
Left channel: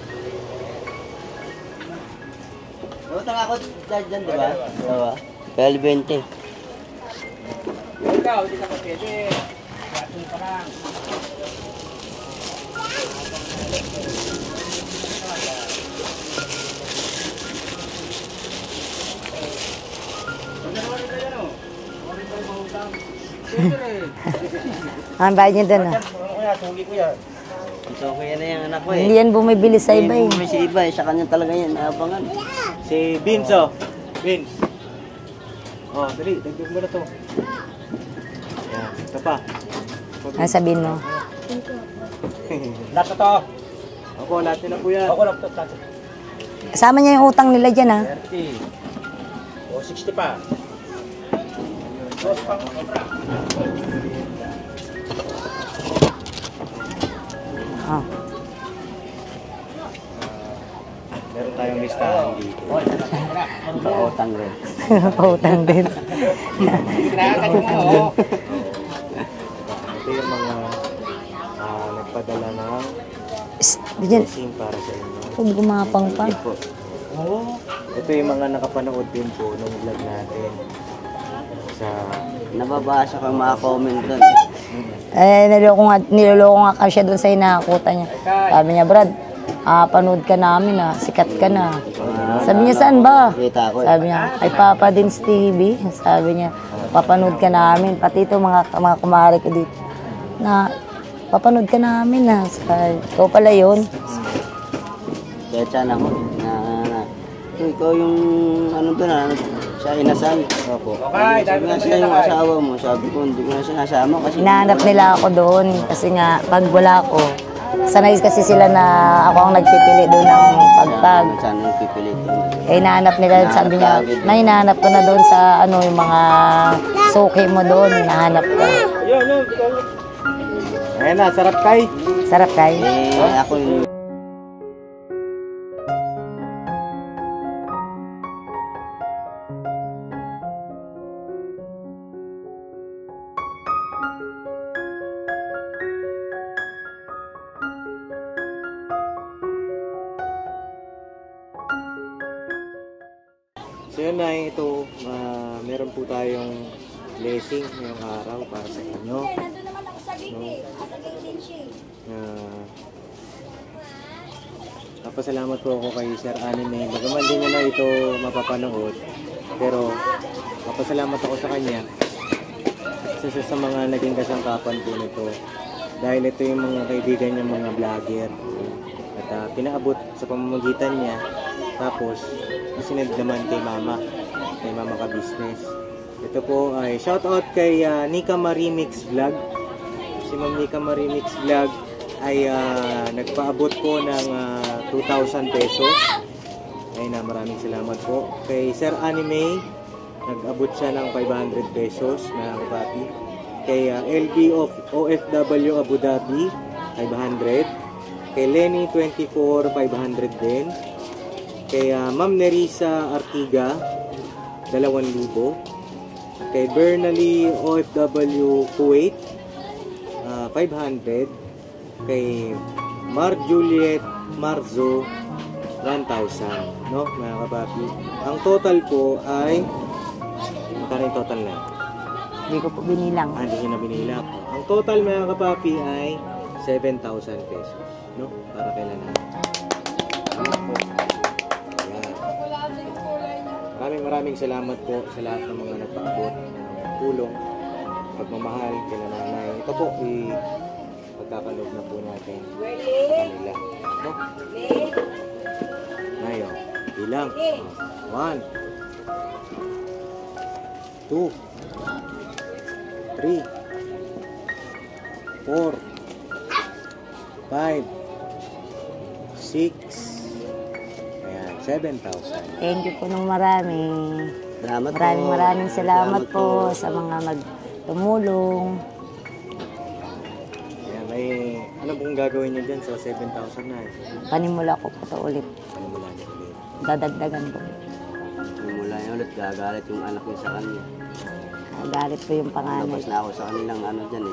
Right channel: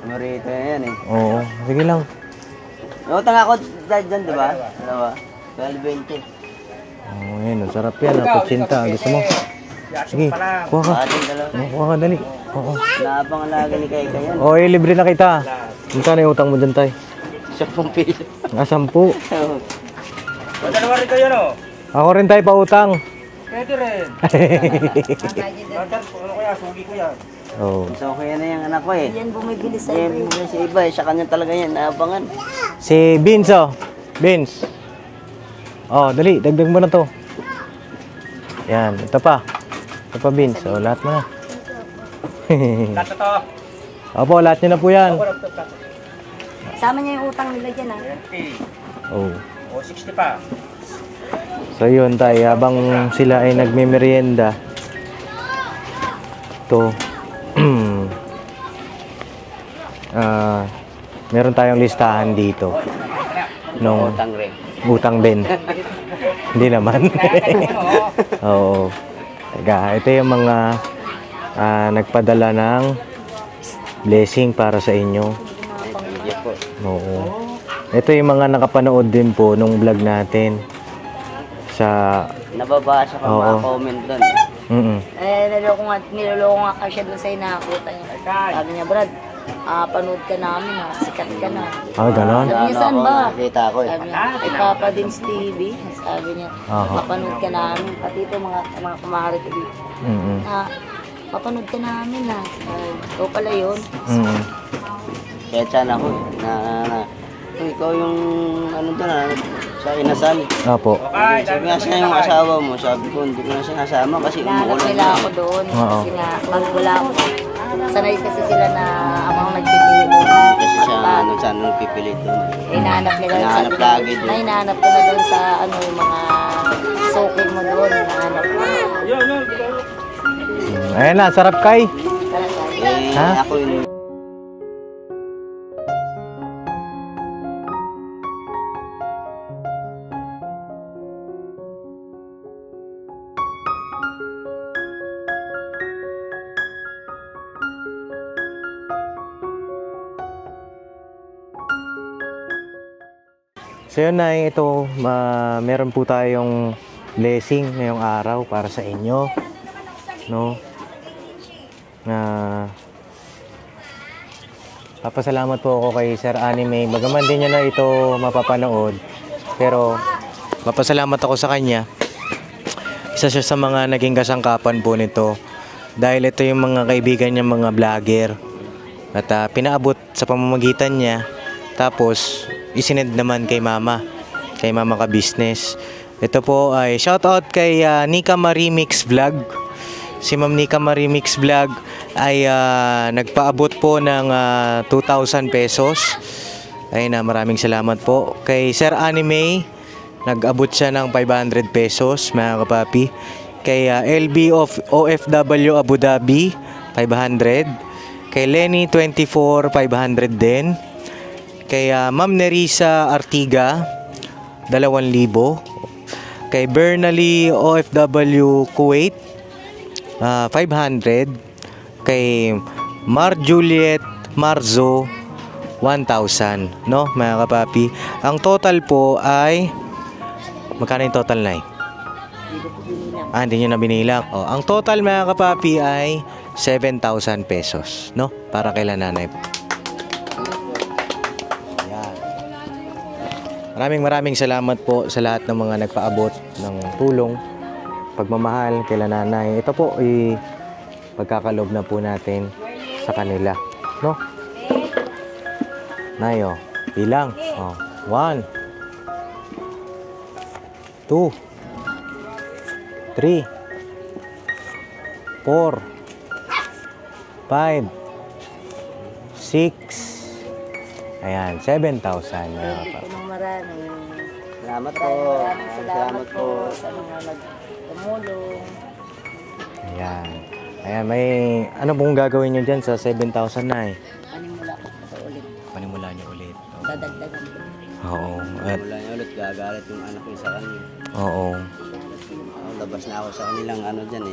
Marito yan eh. Oo. Sige lang. May utang ako dyan, diba? Diba? 12.20. Yan, masarap yan. Naputsinta. Gusto mo? Sige, kuha ka. Ating dalawa. Kuha ka, dali. Oo. Napangalagay kayo ganyan. Oh, libre na kita. Magkano yung utang mo dyan, tay? 10 piso. 10. Ako rin tayo pa utang. Ang bayad niya doon. Oo. So, kaya na yung anak ko eh. Hindi yan bumibili sa iba eh. May sa iba eh. Sa kanya talaga yan. Naabangan. Si Vince, oh. Vince. Oh, dali. Dagdag mo na to. Yan. Ito pa. Ito pa, Vince. sabihin Oh, mo. lahat mo na. Lahat na to. Opo, lahat niya na po yan. Ako, laptop. Kasama niya yung utang nila dyan ha. 30. Oh. O 60 pa. So yun tayo, habang sila ay nagme-merienda, ito, meron tayong listahan dito. No, Utang rin. utang din. Hindi naman. Oo. Teka, ito yung mga nagpadala ng blessing para sa inyo. Kung gumapang pa. Oo. Ito yung mga nakapanood din po nung vlog natin sa Nababasa ko mga comment doon. Niloloko nga kasi siya doon sa inakuta niya. Sabi niya, Brad, panood ka namin sikat ka na. Ganon. Sabi niya, saan ba? Nakita ko Sabi niya, kay Papa Dins TV. Sabi niya, papanood ka namin. Pati ito mga kumare ko dito. Na, papanood ka namin Sabi, ikaw pala yun. Kaya sana ako ikaw yung ano doon sa inasal. Apo. Sabi nga siya yung asawa mo. Sabi ko, hindi ko na sinasama kasi Hinahanap nila ako doon. Kasi nga, pag wala ko, sanay kasi sila na ako ang nagpipili doon ng pagpag. Saan nung pipilit doon. Hinahanap nila doon sa hinahanap ko na doon sa yung mga suki mo doon. Hinahanap ko. Ayan na, sarap kay. Sarap tayo. Ako yung So yun na, ito, meron po tayong blessing ngayong araw para sa inyo. No? Papasalamat po ako kay Sir Anime. Bagaman din niya na ito mapapanood. Pero papasalamat ako sa kanya. Isa siya sa mga naging kasangkapan po nito. Dahil ito yung mga kaibigan niya, mga vlogger. At pinaabot sa pamamagitan niya. Tapos isinend naman kay Mama ka business. Ito po ay shoutout kay Nika Marie Mix Vlog. Si Ma'am Nika Marie Mix Vlog ay nagpaabot po ng 2,000 pesos. Ay maraming salamat po. Kay Sir Anime, nag-abot siya ng 500 pesos, mga kapapi. Kay LB of OFW Abu Dhabi, 500. Kay Lenny 24, 500 din. Kay Ma'am Nerissa Artiga, 2,000. Kay Bernally OFW Kuwait, 500. Kay Mar Juliet Marzo, 1,000. No, mga kapapi. Ang total po ay, magkano yung total na Hindi ko po binilang. Hindi nyo na binilang. Ang total, mga kapapi, ay 7,000 pesos. No, para kay nanay. Maraming salamat po sa lahat ng mga nagpaabot ng tulong, pagmamahal kay nanay. Ito po ay pagkakalob na po natin sa kanila, no? Nayo, bilang. 1 2 3 4 5 6. Ayan, 7,000. Thank you po ng marami. Maraming salamat po sa mga nagtumulong. Ayan. Ayan, may ano pong gagawin nyo dyan sa 7,000 na Panimula ko po ulit. Panimula nyo ulit. Dadagdagan po. Oo. wala niya ulit, gagalit yung anak niya sa kanya. Oo. Magalit ko yung pangalan. Labas na ako sa kanilang ano dyan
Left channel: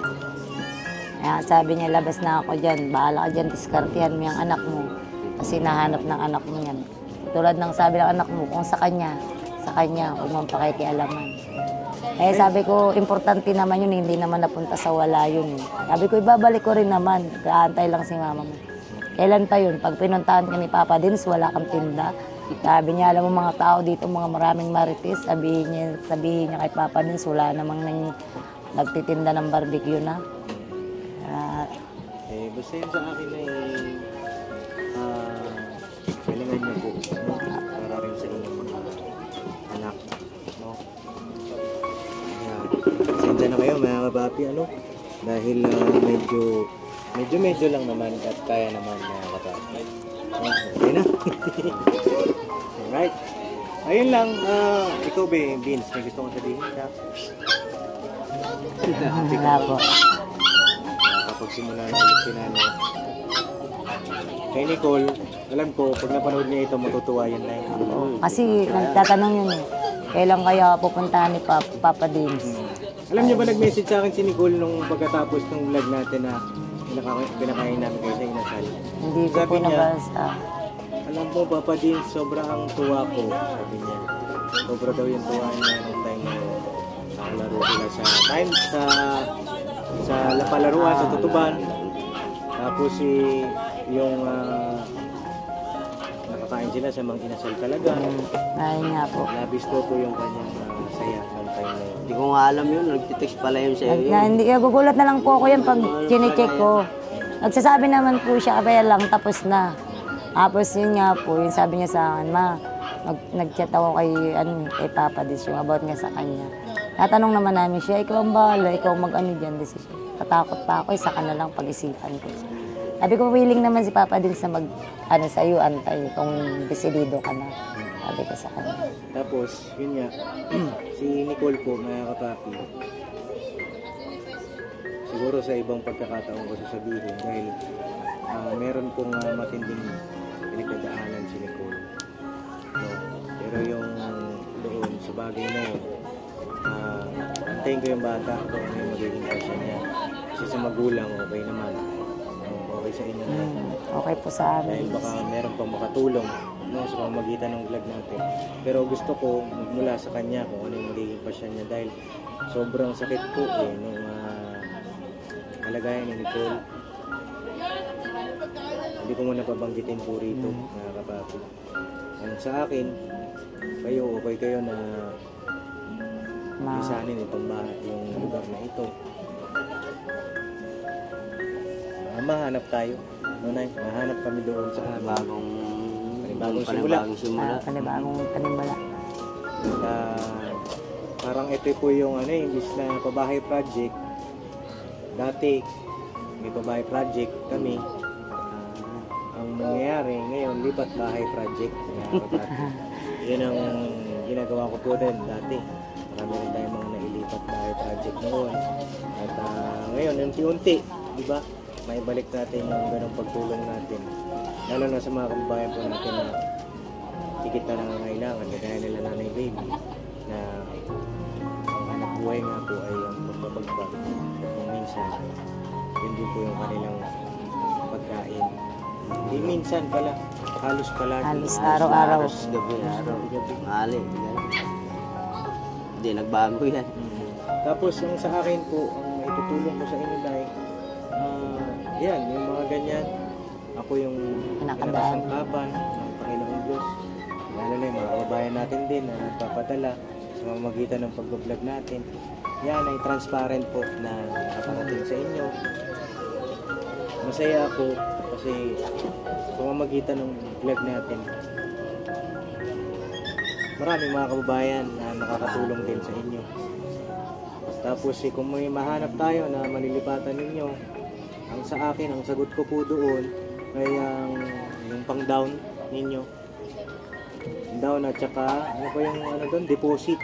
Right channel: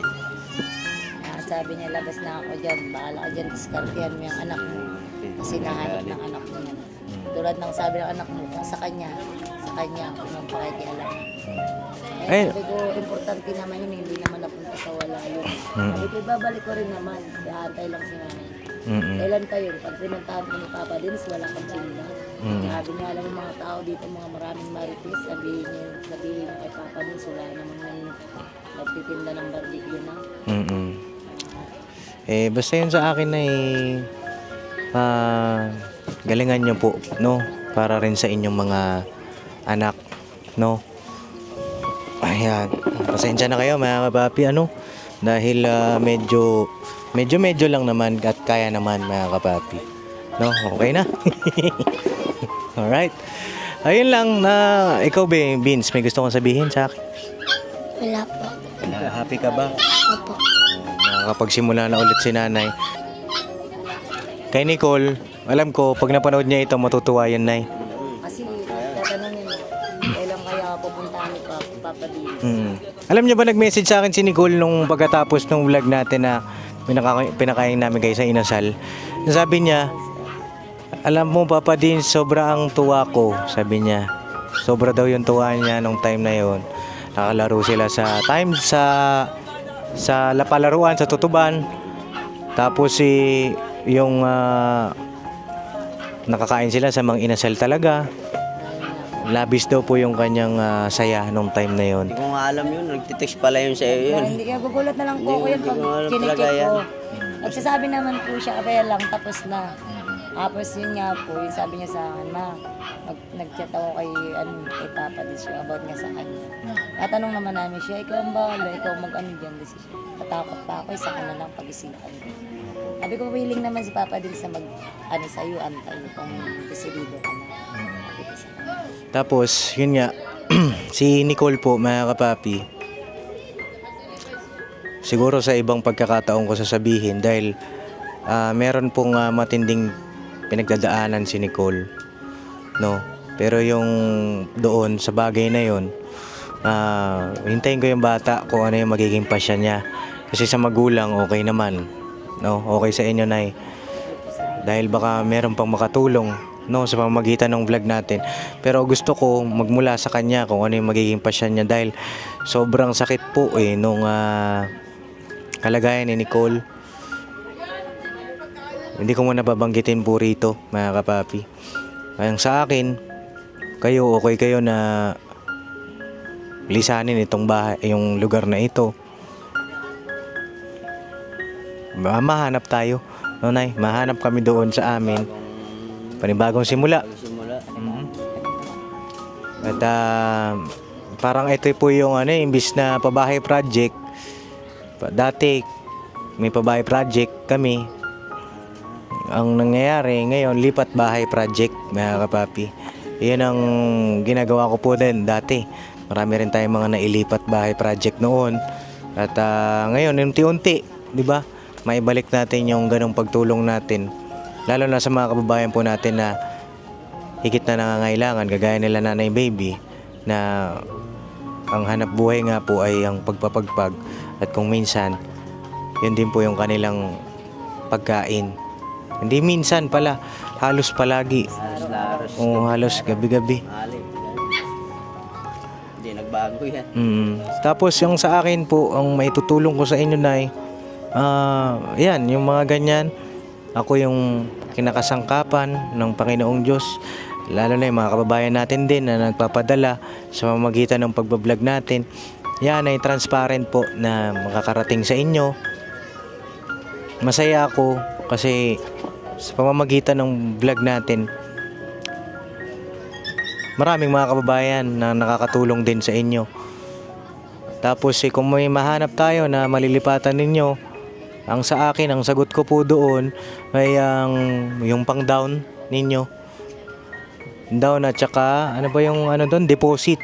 Kaya sabi niya, labas na ako dyan. Bahala ka dyan, diskartihan mo yung anak mo. Kasi nahanap ng anak mo yan. Tulad ng sabi ng anak mo, kung sa kanya, kung nang pakikialaman. Sabi ko, importante naman yun, hindi naman napunta sa wala yun. Sabi ko, ibabalik ko rin naman. Gaantay lang si mama mo. Kailan pa yun? Pag pinuntahan ka ni Papa Dins, wala kang tinda. Sabi niya, alam mo mga tao dito, mga maraming marites, sabihin niya kay Papa Dins, wala namang nagtitinda ng barbecue na. Basta yun sa akin ay galingan nyo po, no? Para rin sa inyong mga anak, no? Ayan, pasensya na kayo mga kapapi, dahil medyo lang naman at kaya naman mga kapapi, no? Okay na. Alright. Ayun lang na ikaw Vince, may gusto kong sabihin sa akin. Wala po. Happy ka ba? Nakakapagsimula na ulit si nanay. Kay Nicole, alam ko pag napanood niya ito matutuwa yan, Nay. Kasi nagtatanong yun eh. Kailan kaya pupuntahan ni Papa Dins? Alam niyo ba nag-message sa akin si Nicole nung pagkatapos ng vlog natin na pinakain namin kayo sa inasal. Sabi niya, alam mo Papa Dins, sobra ang tuwa ko, sabi niya. Sobra daw yung tuwa niya nung time na yun. Nakalaro sila sa palaruan sa Tutuban. Tapos yung nakakain sila sa mga inasal talaga. Ayun nga po. Labis daw po yung kanyang saya nung time na yun. Hindi ko nga alam yun, nagtitext pala yun sa iyo. Hindi, nagugulat na lang po ako yan pag chinecheck ko. Nagsasabi naman po siya, kaya lang, tapos na. Tapos yun nga po, yung sabi niya sa akin, ma, nag-chat ako kay Papa Dins, yung about nga sa kanya. Tatanong naman namin siya, ikaw ang bahala, ikaw mag-ano dyan, decision. Tatakot pa ako, isa ka na lang pag-isipan ko. Sabi ko, willing naman si Papa Dins na mag-ano sa'yo, antay, kung desidido ka na. Sabi ko sa kanya. Tapos, yun nga, si Nicole po, mga kapapi, siguro sa ibang pagkakataon ko sasabihin dahil meron pong matinding pinagdadaanan si Nicole, no? Pero yung doon sa bagay na yun, hintayin ko yung bata kung ano yung magiging pasya niya. Kasi sa magulang, okay naman, no? Okay sa inyo, Nay. Okay po sa amin. Dahil baka meron pang makatulong, no, sa pamamagitan ng vlog natin. Pero gusto ko magmula sa kanya kung ano yung magiging pasya niya dahil sobrang sakit po nung kalagayan ni Nicole. Hindi ko muna babanggitin po rito, mga kapapi. Kaya sa akin, kayo, okay kayo na lisanin itong bahay, yung lugar na ito. Mahanap tayo, no, Nay? Mahanap kami doon sa amin. Panibagong simula. At parang ito po yung imbis na pabahay project. Dati may pabahay project kami. Ang nangyayari ngayon, lipat bahay project, mga kapapi. Iyan ang ginagawa ko po din dati. Marami rin tayong mga nailipat bahay project noon. At ngayon, unti-unti, di ba? Maibalik natin yung ganong pagtulong natin. Lalo na sa mga kababayan po natin na higit na nangangailangan, kagaya nila Nanay Baby, na ang hanap buhay nga po ay ang pagpapagpag. At kung minsan, yun din po yung kanilang pagkain. Hindi minsan pala, halos palagi. Araw-araw. Oo, halos gabi-gabi. Hindi, nagbago yan. Tapos yung sa akin po, ang maitutulong ko sa inyo, Nay, yan, yung mga ganyan, ako yung kinakasangkapan ng Panginoong Diyos. Lalo na yung mga kababayan natin din na nagpapadala sa pamamagitan ng pagbablog natin. Yan ay transparent po na makakarating sa inyo. Masaya ako kasi sa pamamagitan ng vlog natin, maraming mga kababayan na nakakatulong din sa inyo. Tapos kung may mahanap tayo na malilipatan ninyo, ang sa akin, ang sagot ko po doon ay yung pang down ninyo. Down at saka ano ba yung doon, deposit.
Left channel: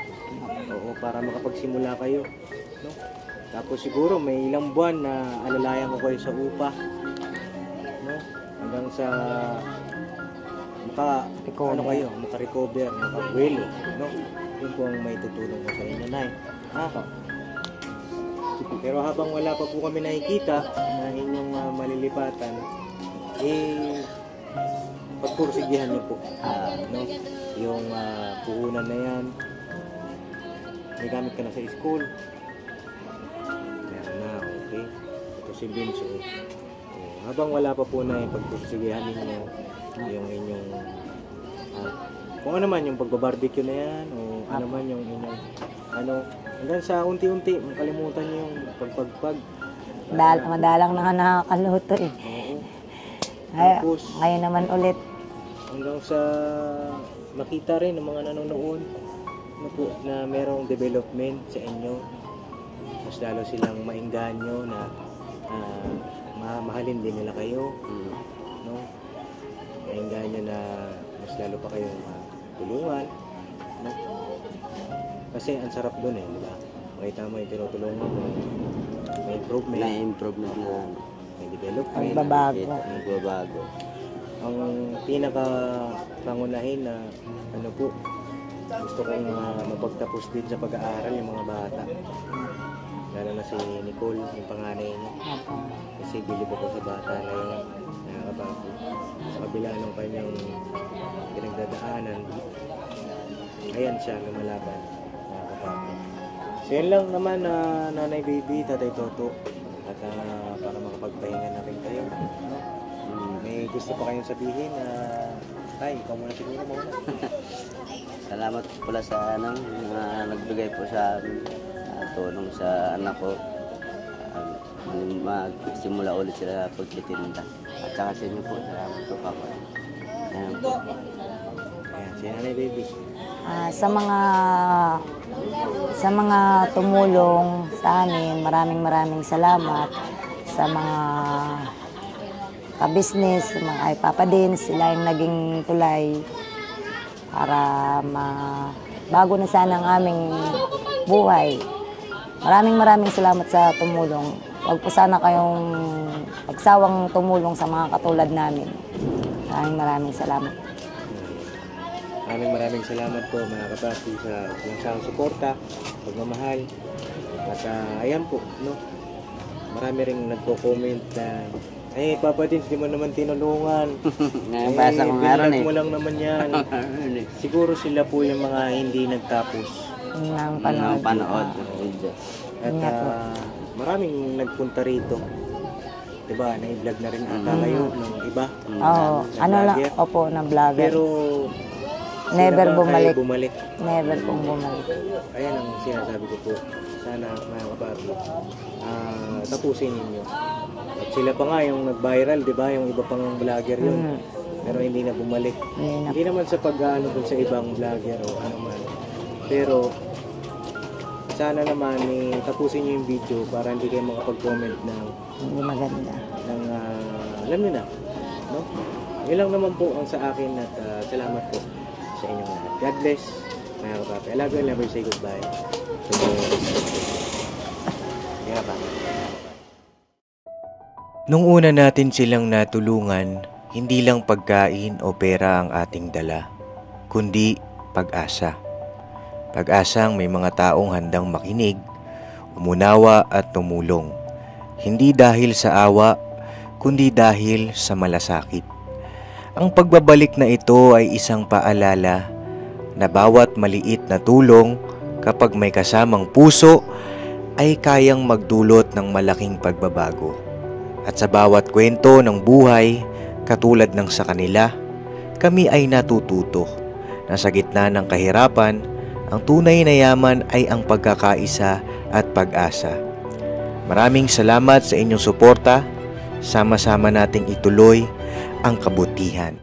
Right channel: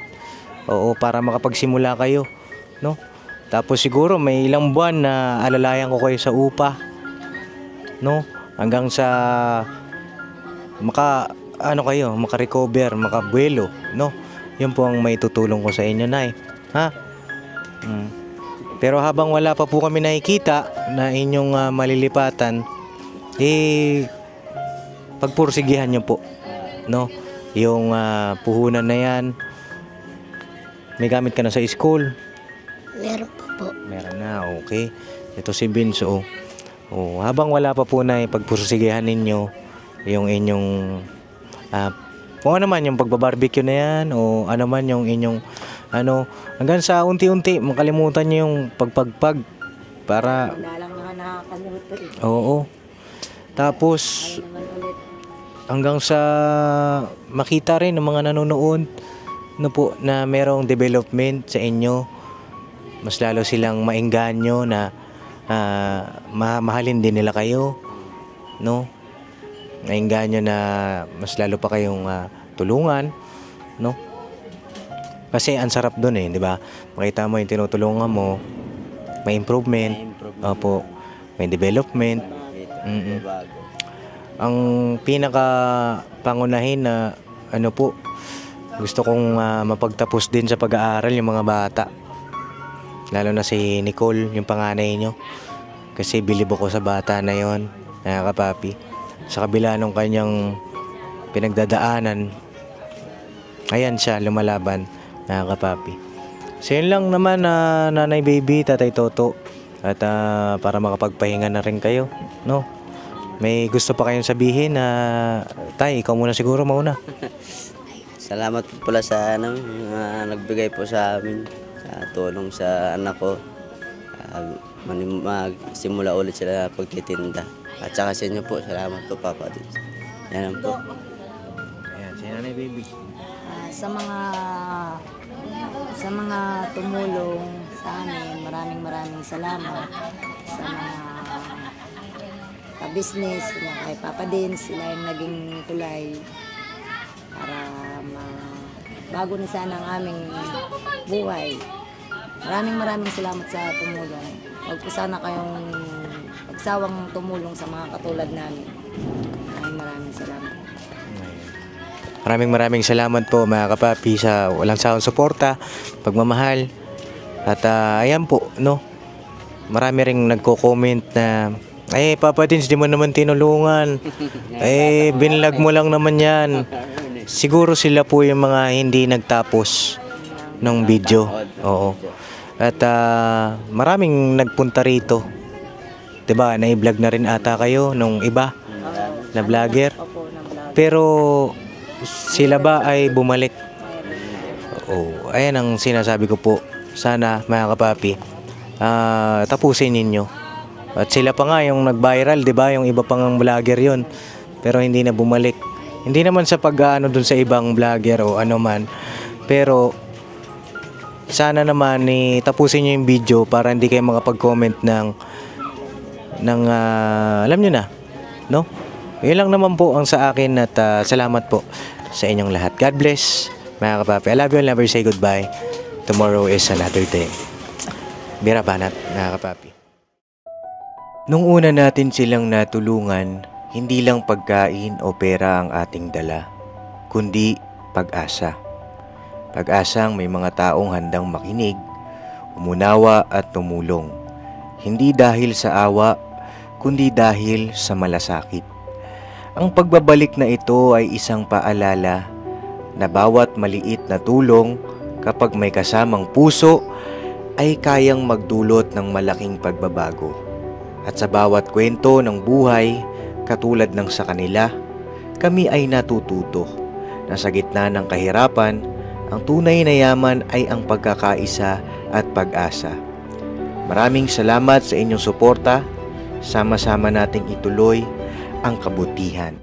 Oo, para makapagsimula kayo, no? Tapos siguro may ilang buwan na alalayan ko kayo sa upa, no? Hanggang sa maka-recover, makabuelo, no? Yun po ang may tutulong ko sa inyo, Nay. Ha? Pero habang wala pa po kami nakikita na inyong malilipatan, pagpursigihan nyo po, no? Yung puhunan na yan, may gamit ka na sa school? Meron pa po. Meron na, okay. Ito si Vince, habang wala pa po na pagpursigihan ninyo yung inyong kung ano man yung pagbabarbecue na yan o ano man yung inyong hanggang sa unti-unti makalimutan nyo yung pagpagpag para Madalang na nakakaluto eh. oo. Tapos Ngayon naman ulit. hanggang sa makita rin ng mga nanonood na merong development sa inyo, mas lalo silang maengganyo na mahalin din nila kayo, no? Maengganyo na mas lalo pa kayong tulungan no? Kasi ang sarap doon di ba? Makita mo yung tinutulungan mo, may improvement, opo, may development. Babago. Ang pinaka pangunahin na po, gusto kong mapagtapos din sa pag-aaral yung mga bata. Lalo na si Nicole, yung panganay nyo. Kasi bilib ako sa bata na yon, kapapi. Sa kabila ng kanyang pinagdadaanan, ayan siya, lumalaban, kapapi. So yun lang naman, Nanay Baby, Tatay Toto. At para makapagpahinga na rin kayo, no? May gusto pa kayong sabihin na, Tay, ikaw muna siguro mauna. Salamat po pala sa nagbigay po sa amin sa tulong sa anak ko. Magsimula ulit sila pagtitinda. At saka sa inyo po, salamat po Papa. Yan po. Ayan, si Nanay Baby. Sa mga tumulong sa amin, maraming salamat. Sa mga ka-business, mga Papa din, sila yung naging tulay para bago na sana ang aming buhay. Maraming salamat sa tumulong. Huwag po sana kayong pagsawang tumulong sa mga katulad namin. Maraming salamat. Maraming salamat po mga kapapi sa walang sawang suporta, pagmamahal. At ayan po, no? Marami ring nagko-comment na, Papa Dins, di mo naman tinulungan. Binilag mo lang naman yan. Siguro sila po yung mga hindi nagtapos ng video. Oo. At maraming nagpunta rito. Diba, na-vlog na rin ata kayo nung iba na vlogger. Opo, na vlogger. Pero sila ba ay bumalik? Never po bumalik. Ayan ang sinasabi ko po. Sana mga kapapi, tapusin ninyo. At sila pa nga yung nag-viral, diba? Yung iba pang vlogger yon, pero hindi na bumalik. Hindi naman sa pag-ano dun sa ibang vlogger o ano man. Pero sana naman tapusin nyo yung video para hindi kayo makapag-comment ng alam nyo na, no? Yun lang naman po ang sa akin at salamat po sa inyong lahat. God bless, mga kapapi. I love you and never say goodbye. Tomorrow is another day. Bira banat, mga kapapi. Nung una natin silang natulungan, hindi lang pagkain o pera ang ating dala, kundi pag-asa. Pag-asang may mga taong handang makinig, umunawa at tumulong. Hindi dahil sa awa, kundi dahil sa malasakit. Ang pagbabalik na ito ay isang paalala na bawat maliit na tulong kapag may kasamang puso ay kayang magdulot ng malaking pagbabago. At sa bawat kwento ng buhay, katulad ng sa kanila, kami ay natututo na sa gitna ng kahirapan, ang tunay na yaman ay ang pagkakaisa at pag-asa. Maraming salamat sa inyong suporta. Sama-sama nating ituloy ang kabutihan.